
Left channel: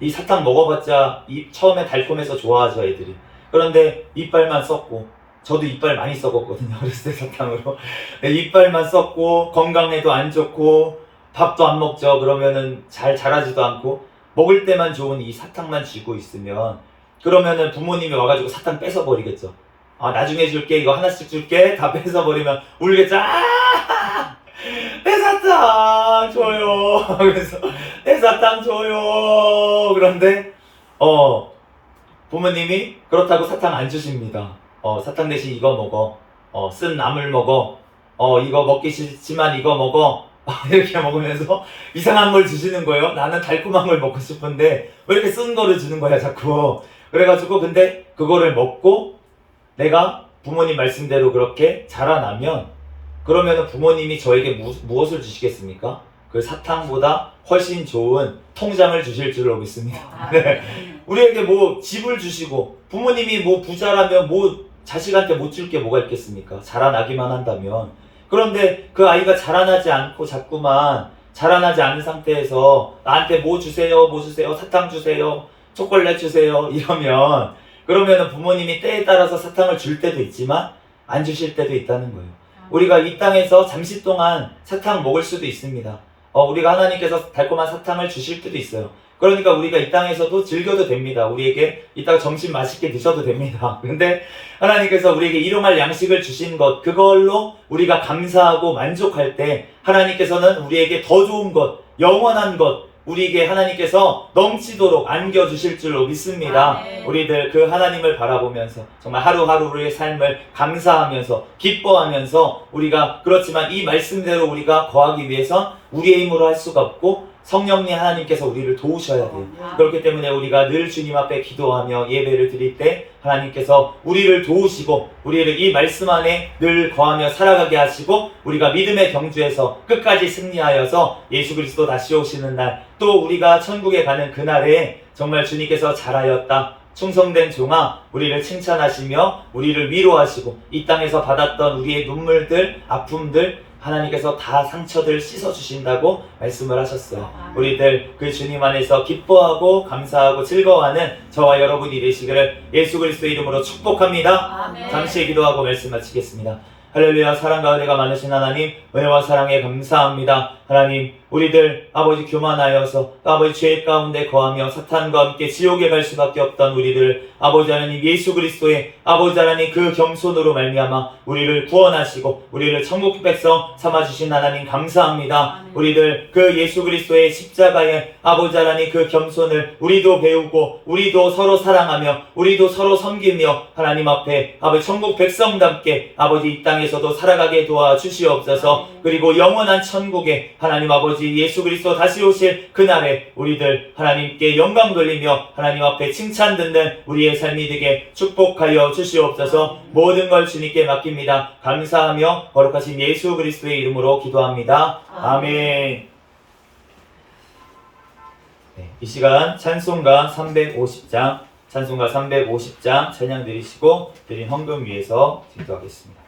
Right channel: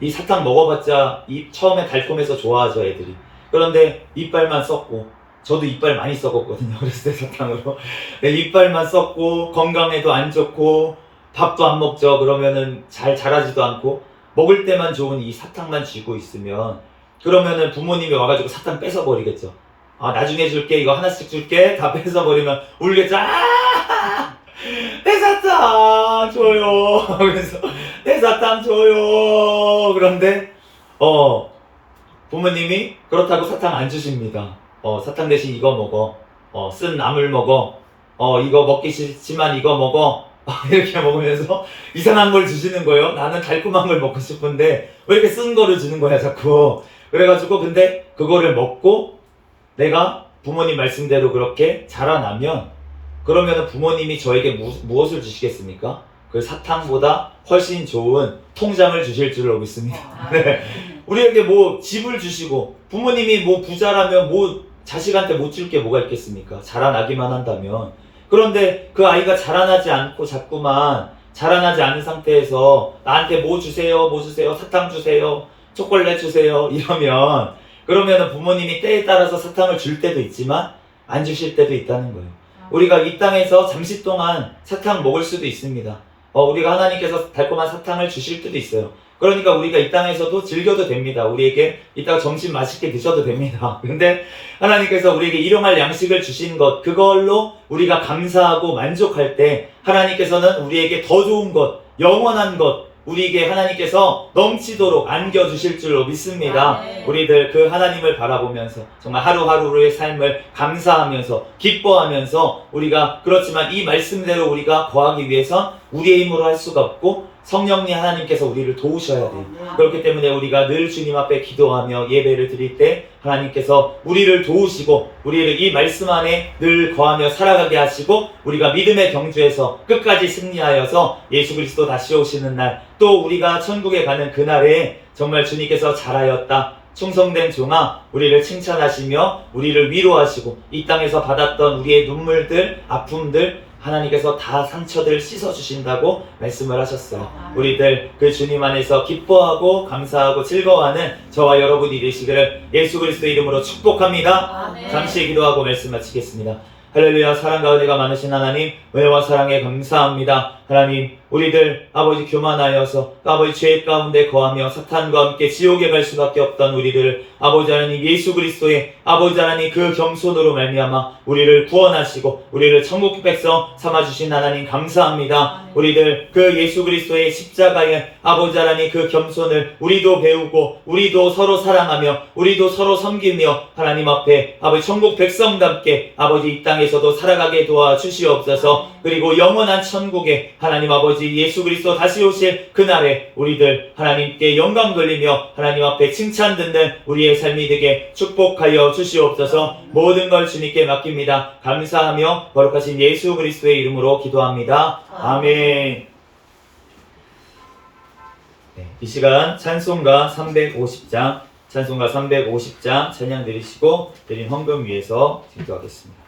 이 사탕 먹어봤자 처음에 달콤해서 좋아하죠, 애들이. 그런데 이빨만 썩고, 저도 이빨 많이 썩었거든요, 어렸을 때 사탕으로. 네, 이빨만 썩고, 건강에도 안 좋고, 밥도 안 먹죠. 그러면은 잘 자라지도 않고, 먹을 때만 좋은 이 사탕만 쥐고 있으면, 그러면은 부모님이 와가지고 사탕 뺏어버리겠죠. 아, 나중에 줄게, 이거 하나씩 줄게, 다 뺏어버리면 울겠죠. 아! 내 사탕 줘요. 그래서 내 사탕 줘요. 그런데 부모님이 그렇다고 사탕 안 주십니다. 사탕 대신 이거 먹어. 쓴 나물 먹어. 이거 먹기 싫지만 이거 먹어. 이렇게 먹으면서 이상한 걸 주시는 거예요. 나는 달콤한 걸 먹고 싶은데 왜 이렇게 쓴 거를 주는 거야 자꾸. 그래가지고 근데 그거를 먹고 내가 부모님 말씀대로 그렇게 자라나면 그러면 부모님이 저에게 무엇을 주시겠습니까? 그 사탕보다 훨씬 좋은 통장을 주실 줄로 믿습니다. 네. 우리에게 뭐 집을 주시고 부모님이 뭐 부자라면 뭐 자식한테 못 줄 게 뭐가 있겠습니까? 자라나기만 한다면. 그런데 그 아이가 자라나지 않고 자꾸만 자라나지 않은 상태에서 나한테 뭐 주세요, 뭐 주세요, 사탕 주세요, 초콜릿 주세요 이러면 그러면 부모님이 때에 따라서 사탕을 줄 때도 있지만 안 주실 때도 있다는 거예요. 우리가 이 땅에서 잠시 동안 사탕 먹을 수도 있습니다. 우리가 하나님께서 달콤한 사탕을 주실 때도 있어요. 그러니까 우리가 이 땅에서도 즐겨도 됩니다. 우리에게 이따가 점심 맛있게 드셔도 됩니다. 근데 하나님께서 우리에게 일용할 양식을 주신 것, 그걸로 우리가 감사하고 만족할 때 하나님께서는 우리에게 더 좋은 것, 영원한 것, 우리에게 하나님께서 넘치도록 안겨주실 줄로 믿습니다. 우리들 그 하나님을 바라보면서 정말 하루하루의 삶을 감사하면서 기뻐하면서 우리가 그렇지만 이 말씀대로 우리가 거하기 위해선 우리의 힘으로 할 수가 없고 성령님 하나님께서 우리를 도우셔야 돼요. 그렇기 때문에 우리가 늘 주님 앞에 기도하며 예배를 드릴 때 하나님께서 우리를 도우시고 우리를 이 말씀 안에 늘 거하며 살아가게 하시고 우리가 믿음의 경주에서 끝까지 승리하여서 예수 그리스도 다시 오시는 날 또 우리가 천국에 가는 그날에 정말 주님께서 잘하였다, 충성된 종아, 우리를 칭찬하시며 우리를 위로하시고 이 땅에서 받았던 우리의 눈물들, 아픔들 하나님께서 다 상처들 씻어주신다고 말씀을 하셨어요. 우리들 그 주님 안에서 기뻐하고 감사하고 즐거워하는 저와 여러분이 되시기를 예수 그리스도 이름으로 축복합니다. 잠시 기도하고 말씀 마치겠습니다. 할렐루야. 사랑과 은혜가 많으신 하나님, 은혜와 사랑에 감사합니다. 하나님, 우리들 아버지 교만하여서 아버지 죄 가운데 거하며 사탄과 함께 지옥에 갈 수밖에 없던 우리들 아버지 하나님 예수 그리스도의 아버지 하나님 그 겸손으로 말미암아 우리를 구원하시고 우리를 천국 백성 삼아주신 하나님 감사합니다. 우리들 그 예수 그리스도의 십자가에 아버지 하나님 그 겸손을 우리도 배우고 우리도 서로 사랑하며 우리도 서로 섬기며 하나님 앞에 아버지 천국 백성답게 아버지 이 땅에 땅에서도 살아가게 도와주시옵소서. 그리고 영원한 천국에 하나님 아버지 예수 그리스도 다시 오실 그날에 우리들 하나님께 영광 돌리며 하나님 앞에 칭찬 듣는 우리의 삶이 되게 축복하여 주시옵소서. 모든 걸 주님께 맡깁니다. 감사하며 거룩하신 예수 그리스도의 이름으로 기도합니다. 아멘. 네, 이 시간 찬송가 350장 찬양 드리시고 드린 헌금 위해서 기도하겠습니다.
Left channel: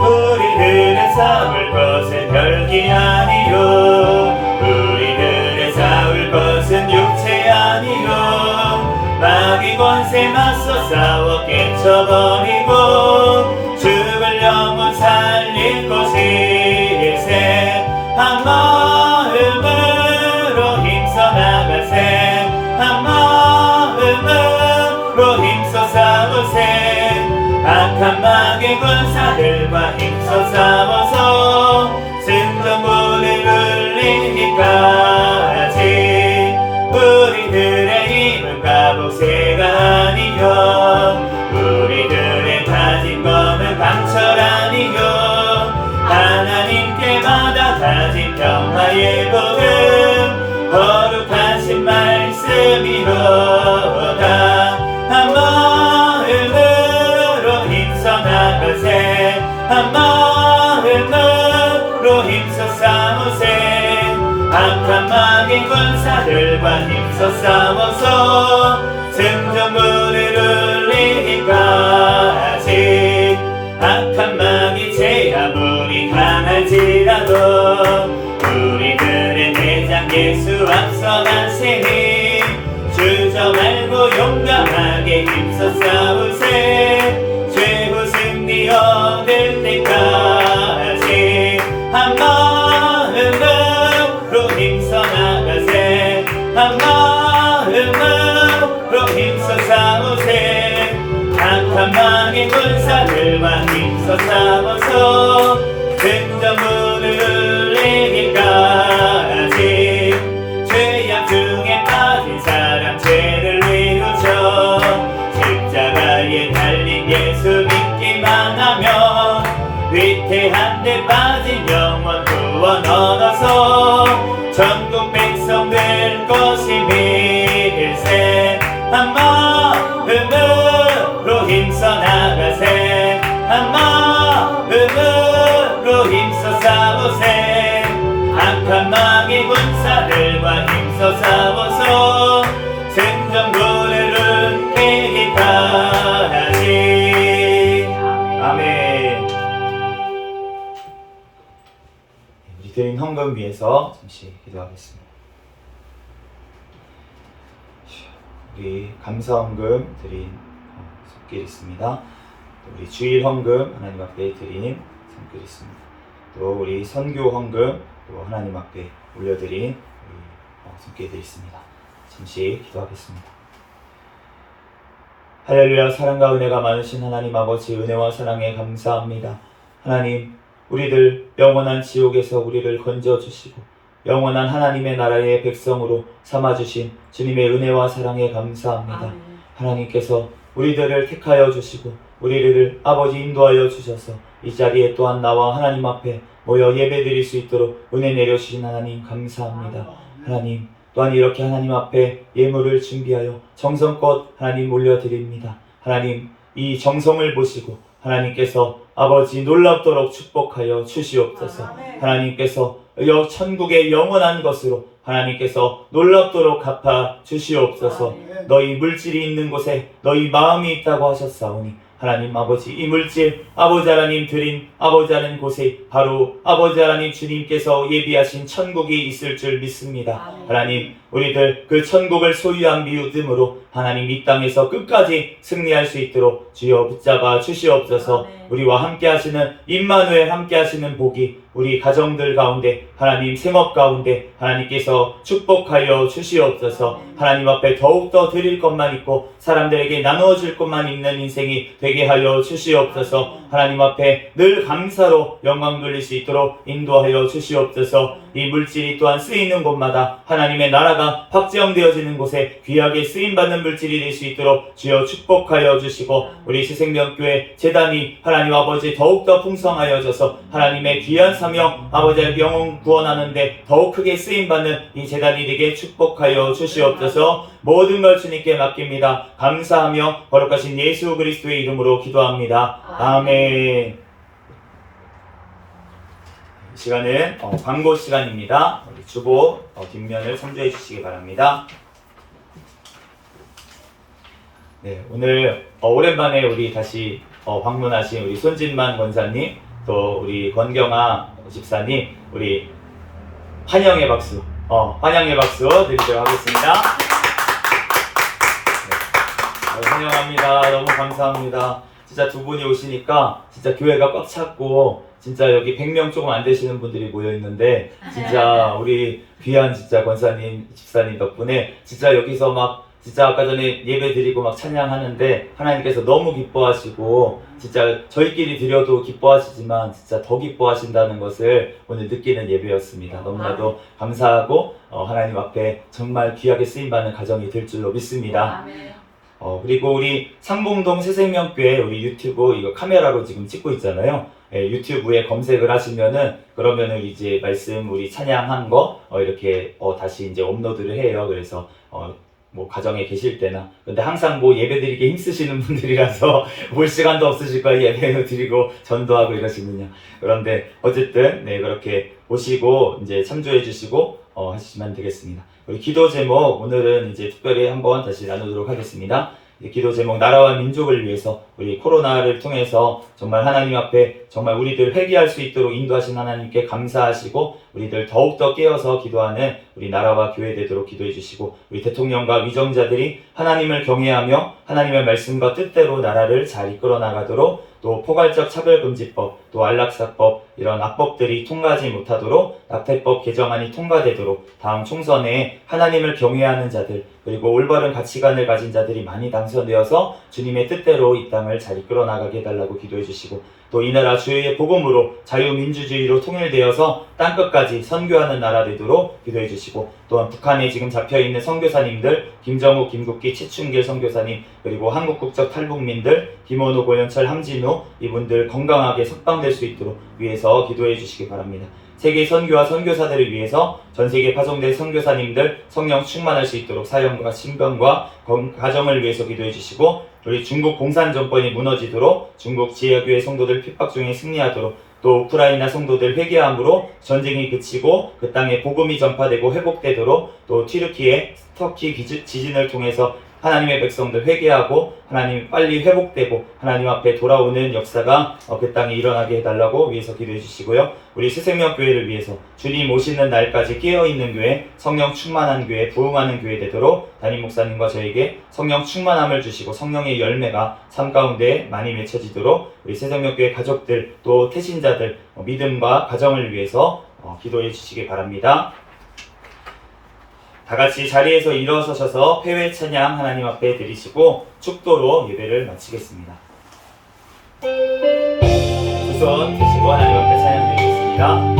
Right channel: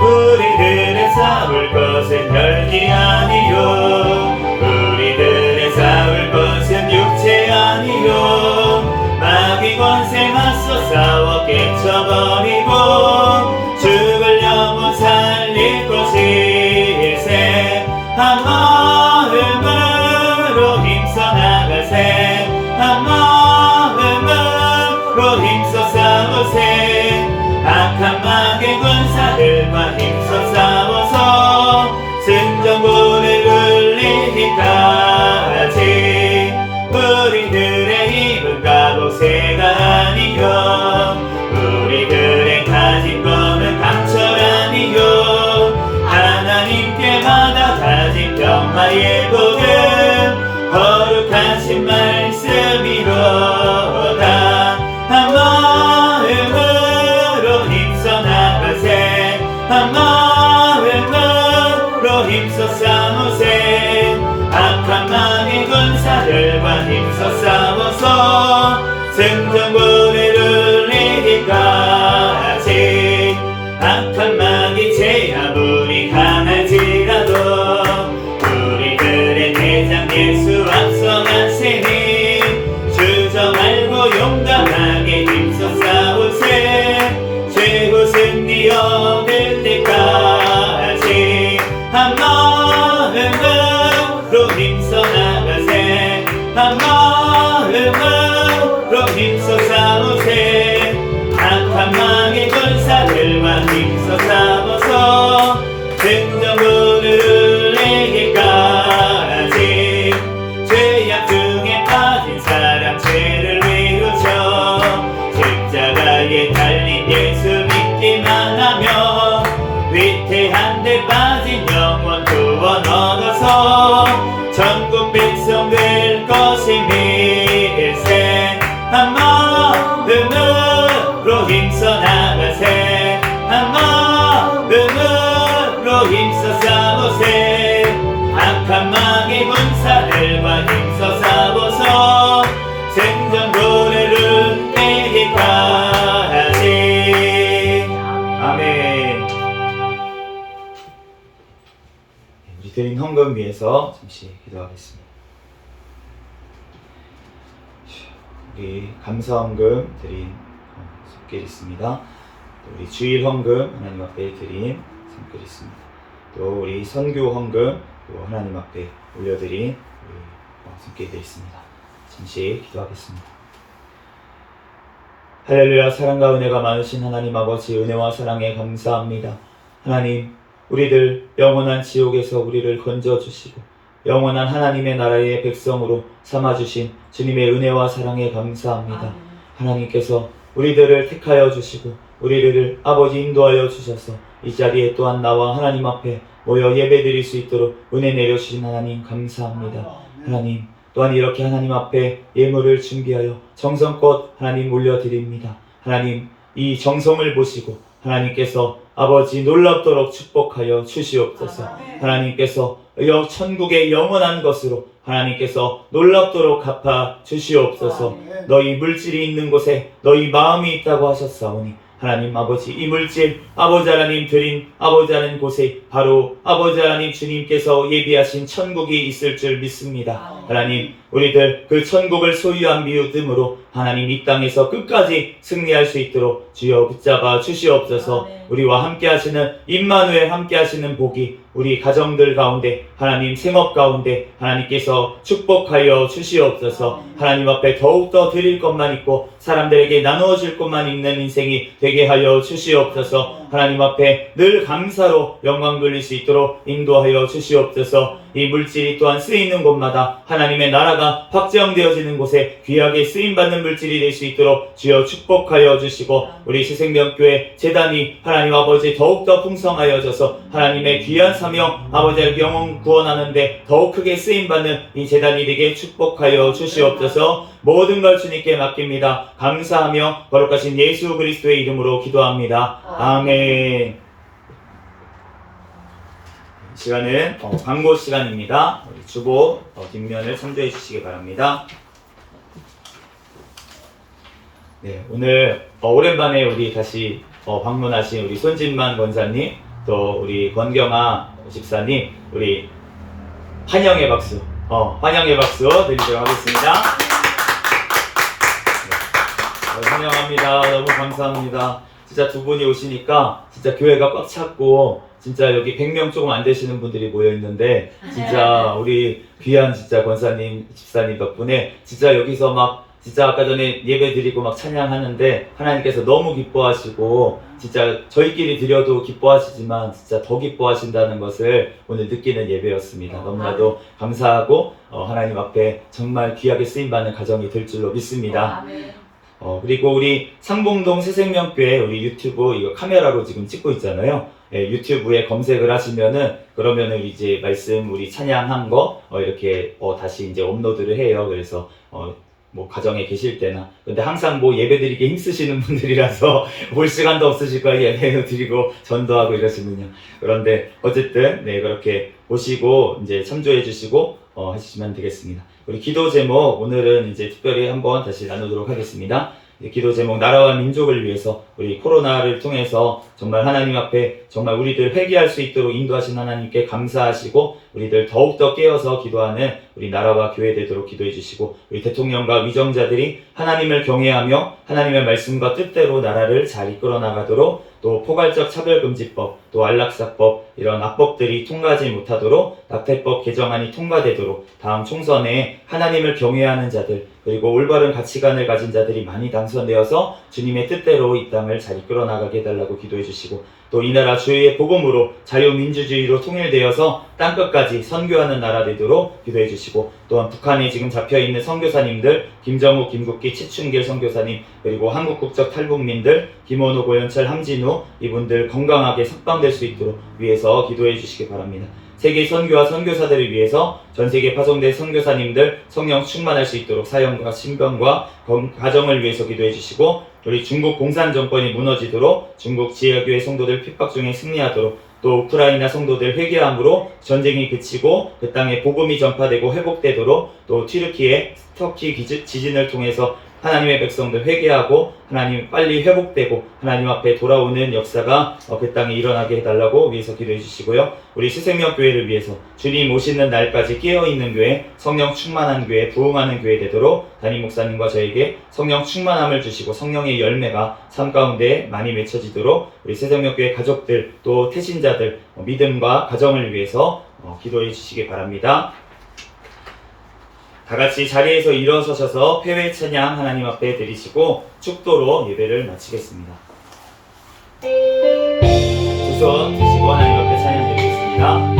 우리들의 싸울 것은 혈기 아니요 우리들의 싸울 것은 육체 아니요 마귀 권세 맞서 싸워 깨쳐버리고 죽을 영혼 살릴 곳일세 한 마음으로 힘써 나가세 한 마음으로 힘써 싸우세 악한 마귀 군사들과 힘써 싸워서 승전보를 울리기까지 우리들의 힘은 갑옷새가 아니요 우리들의 가진 거는 강철 아니요 하나님께 받아 가진 평화의 복음 거룩하신 말씀이로다 한 마음으로 힘써 나가세 한 마음으로 힘써 싸우세 악한 마귀 군사들과 힘써 싸워서 승전보를 울리기까지 악한 마귀 죄 아무리 강할지라도 우리들의 대장 예수 앞서가시니 주저 말고 용감하게 힘써 싸우세 최고 승리 얻을 때까지 한 마음으로 힘써 나가세 한 마음으로 힘써 싸우세 악한 마귀 군사들과 힘써 싸워서 승전보를 울리기까지 죄악 중에 빠진 사람 죄를 위우쳐 십자가에 달린 예수 믿기만 하면 위태한 데 빠진 영원 구원 얻어서 전국 백성 될 것임일세 한 마음으로 힘써 나가세 한 마음으로 힘써 싸우세 악한 마귀 군사들과 힘써 싸워서 생전고래를 이기까지 아멘. 우리 드린 헌금 위해서 잠시 기도하겠습니다. 우리 감사 헌금 드린 손길 있습니다. 또 우리 주일 헌금 하나님 앞에 드린 손길 있습니다. 또 우리 선교 헌금 또 하나님 앞에 올려드린 우리 손길들 있습니다. 잠시 기도하겠습니다. 할렐루야. 사랑과 은혜가 많으신 하나님 아버지, 은혜와 사랑에 감사합니다. 하나님, 우리들 영원한 지옥에서 우리를 건져주시고 영원한 하나님의 나라의 백성으로 삼아주신 주님의 은혜와 사랑에 감사합니다. 하나님께서 우리들을 택하여 주시고 우리를 아버지 인도하여 주셔서 이 자리에 또한 나와 하나님 앞에 모여 예배드릴 수 있도록 은혜 내려주신 하나님 감사합니다. 하나님, 또한 이렇게 하나님 앞에 예물을 준비하여 정성껏 하나님 올려드립니다. 하나님, 이 정성을 보시고 하나님께서 아버지 놀랍도록 축복하여 주시옵소서. 하나님께서 천국의 영원한 것으로 하나님께서 놀랍도록 갚아 주시옵소서. 너희 물질이 있는 곳에 너희 마음이 있다고 하셨사오니 하나님 아버지, 이 물질 아버지 하나님 드린 아버지 하나님 곳에 바로 아버지 하나님 주님께서 예비하신 천국이 있을 줄 믿습니다. 하나님, 우리들 그 천국을 소유한 믿음으로 하나님 이 땅에서 끝까지 승리할 수 있도록 주여 붙잡아 주시옵소서. 우리와 함께 하시는 임마누엘 함께 하시는 복이 우리 가정들 가운데 하나님 생업 가운데 하나님께서 축복하여 주시옵소서. 하나님 앞에 더욱더 드릴 것만 있고 사람들에게 나누어 줄 것만 있는 인생이 되게 하여 주시옵소서. 하나님 앞에 늘 감사로 영광 돌릴 수 있도록 인도하여 주시옵소서. 이 물질이 또한 쓰이는 곳마다 하나님의 나라가 확장되어지는 곳에 귀하게 쓰임받는 물질이 될 수 있도록 주여 축복하여 주시고, 우리 새생명교회 재단이 하나님 아버지 더욱더 풍성하여져서 하나님의 귀한 사명 아버지의 영혼 구원하는데 더욱 크게 쓰임받는 이 재단이 되게 축복하여 주시옵소서. 모든 걸 주님께 맡깁니다. 감사하며 거룩하신 예수 그리스도의 이름으로 기도합니다. 아멘. 시간은 광고 시간입니다. 우리 주보 뒷면을 참조해 주시기 바랍니다. 네, 오늘 오랜만에 우리 다시 방문하신 우리 손진만 권사님, 또 우리 권경아 집사님, 우리 환영의 박수, 환영의 박수 드리도록 하겠습니다. 네, 환영합니다. 너무 감사합니다. 진짜 두 분이 오시니까 진짜 교회가 꽉 찼고, 진짜 여기 100명 조금 안 되시는 분들이 모여 있는데, 진짜 우리 귀한 진짜 권사님, 집사님 덕분에 진짜 여기서 막 진짜 아까 전에 예배 드리고 막 찬양하는데 하나님께서 너무 기뻐하시고, 진짜 저희끼리 드려도 기뻐하시지만 진짜 더 기뻐하신다는 것을 오늘 느끼는 예배였습니다. 너무나도 감사하고 하나님 앞에 정말 귀하게 쓰임받는 가정이 될 줄로 믿습니다. 그리고 우리 상봉동 새생명교회 우리 유튜브 이거 카메라로 지금 찍고 있잖아요. 유튜브에 검색을 하시면은, 그러면은 이제 말씀 우리 찬양한 거 이렇게 다시 이제 업로드를 해요. 그래서 뭐 가정에 계실 때나, 근데 항상 뭐 예배 드리기 힘쓰시는 분들이라서 볼 시간도 없으실 거예요. 예배도 드리고 전도하고 이러시면요. 그런데 어쨌든 네, 그렇게 보시고 이제 참조해 주시고 하시면 되겠습니다. 우리 기도 제목 오늘은 이제 특별히 한번 다시 나누도록 하겠습니다. 기도 제목, 나라와 민족을 위해서 우리 코로나를 통해서 정말 하나님 앞에 정말 우리들 회개할 수 있도록 인도하신 하나님께 감사하시고, 우리들 더욱더 깨어서 기도하는 우리 나라와 교회 되도록 기도해 주시고, 우리 대통령과 위정자들이 하나님을 경외하며 하나님의 말씀과 뜻대로 나라를 잘 이끌어 나가도록, 또 포괄적 차별금지법, 또 안락사법, 이런 악법들이 통과하지 못하도록 낙태법 개정안이 통과되도록 다음 총선에 하나님을 경외하는 자들, 그리고 올바른 가치관을 가진 자들이 많이 당선되어서 주님의 뜻대로 이 땅을 잘 이끌어 나가게 해달라고 기도해 주시고, 또 이 나라 주의 복음으로 자유민주주의로 통일되어서 땅끝까지 선교하는 나라 되도록 기도해 주시고, 또한 북한에 지금 잡혀있는 선교사님들, 김정욱, 김국기, 최춘길 선교사님, 그리고 한국국적 탈북민들, 김원호, 고현철, 함진우, 이분들 건강하게 석방될 수 있도록 위해서 기도해 주시기 바랍니다. 세계 선교와 선교사들을 위해서 전 세계 파송된 선교사님들 성령 충만할 수 있도록 사역과 신병과 가정을 위해서 기도해 주시고, 우리 중국 공산 정권이 무너지도록 중국 지하교회 성도들 핍박 중에 승리하도록, 또 우크라이나 성도들 회개함으로 전쟁이 그치고 그 땅에 복음이 전파되고 회복되도록, 또 튀르키예, 터키 지진을 통해서 하나님의 백성들 회개하고 하나님 빨리 회복되고 하나님 앞에 돌아오는 역사가 그 땅에 일어나게 해달라고 위해서 기도해 주시고요. 우리 새생명교회를 위해서 주님 오시는 날까지 깨어있는 교회, 성령 충만한 교회, 부흥하는 교회 되도록 담임 목사님과 저에게 성령 충만함을 주시고 성령의 열매가 삶 가운데 많이 맺혀지도록 우리 새생명교회 가족들, 또 태신자들 믿음과 가정을 위해서 기도해 주시기 바랍니다. 다같이 자리에서 일어서셔서 폐회 찬양 하나님 앞에 드리시고 축도로 예배를 마치겠습니다. 두 손 드시고 하나님 앞에 찬양 드리겠습니다.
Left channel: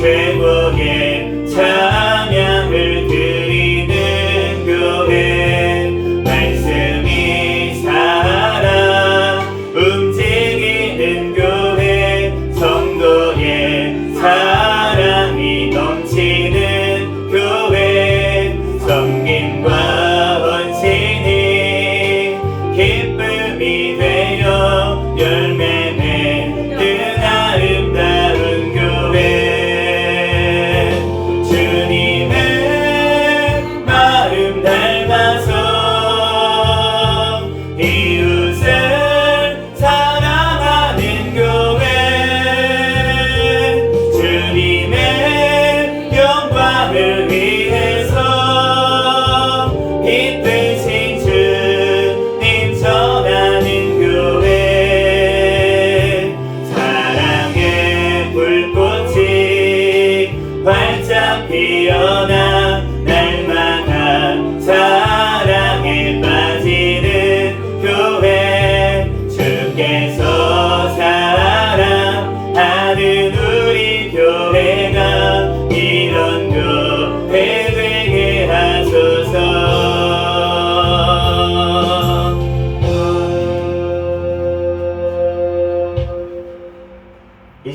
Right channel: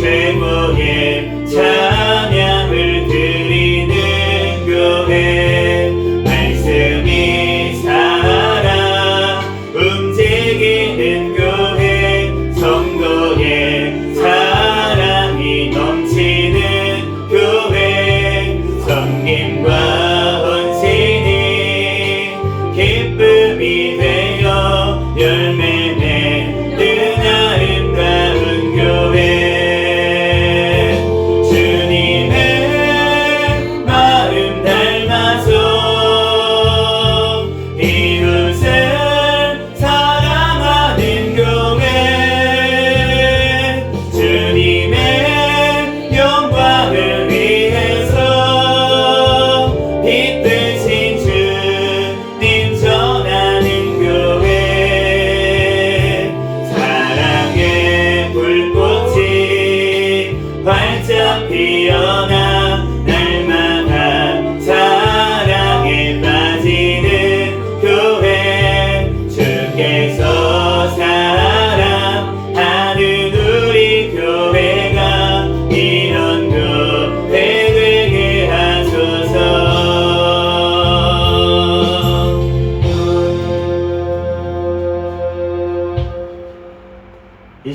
최고의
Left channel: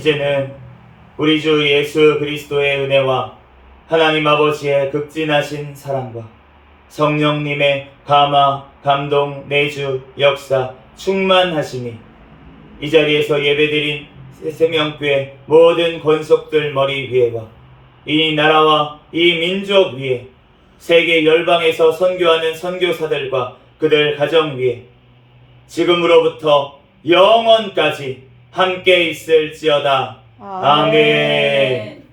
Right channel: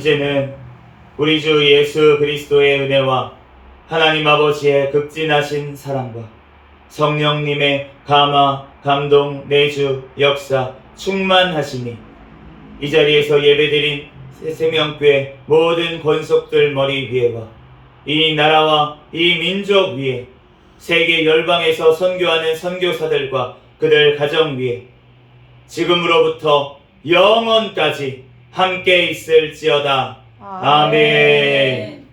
이제는 우리 주 예수 그리스도의 은혜와 하나님 아버지의 극진하신 사랑과 성령님의 감화, 감동, 내주, 역사, 충만하시니 이 자리에서 예배드린 새생명교회 모든 권속들 머리 위에와 이 나라와 이 민족 위에 세계 열방에서 선교하는 선교사들과 그들 가정 위에 지금으로부터 영원까지 함께 있을지어다. 아멘.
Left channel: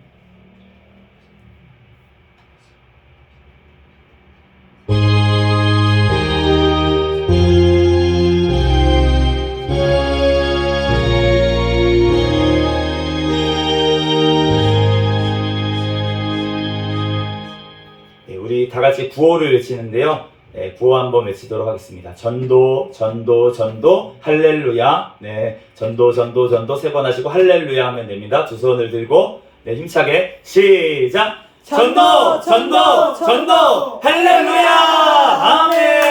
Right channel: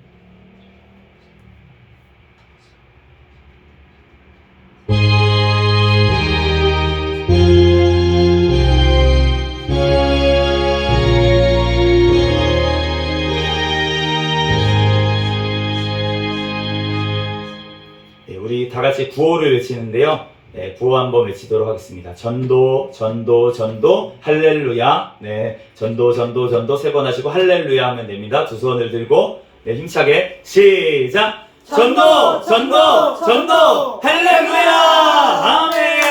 우리 다 같이 구호를 외치는데요. 네, 구호 한번 외치도록 하겠습니다. 전도, 전도, 전도, 할렐루야. 네, 전도, 전도, 전도 세 번 하시고 할렐루야 하면 됩니다. 두 손을 들고 네, 힘차게 시작. 전도, 전도, 전도, 할렐루야. 아멘.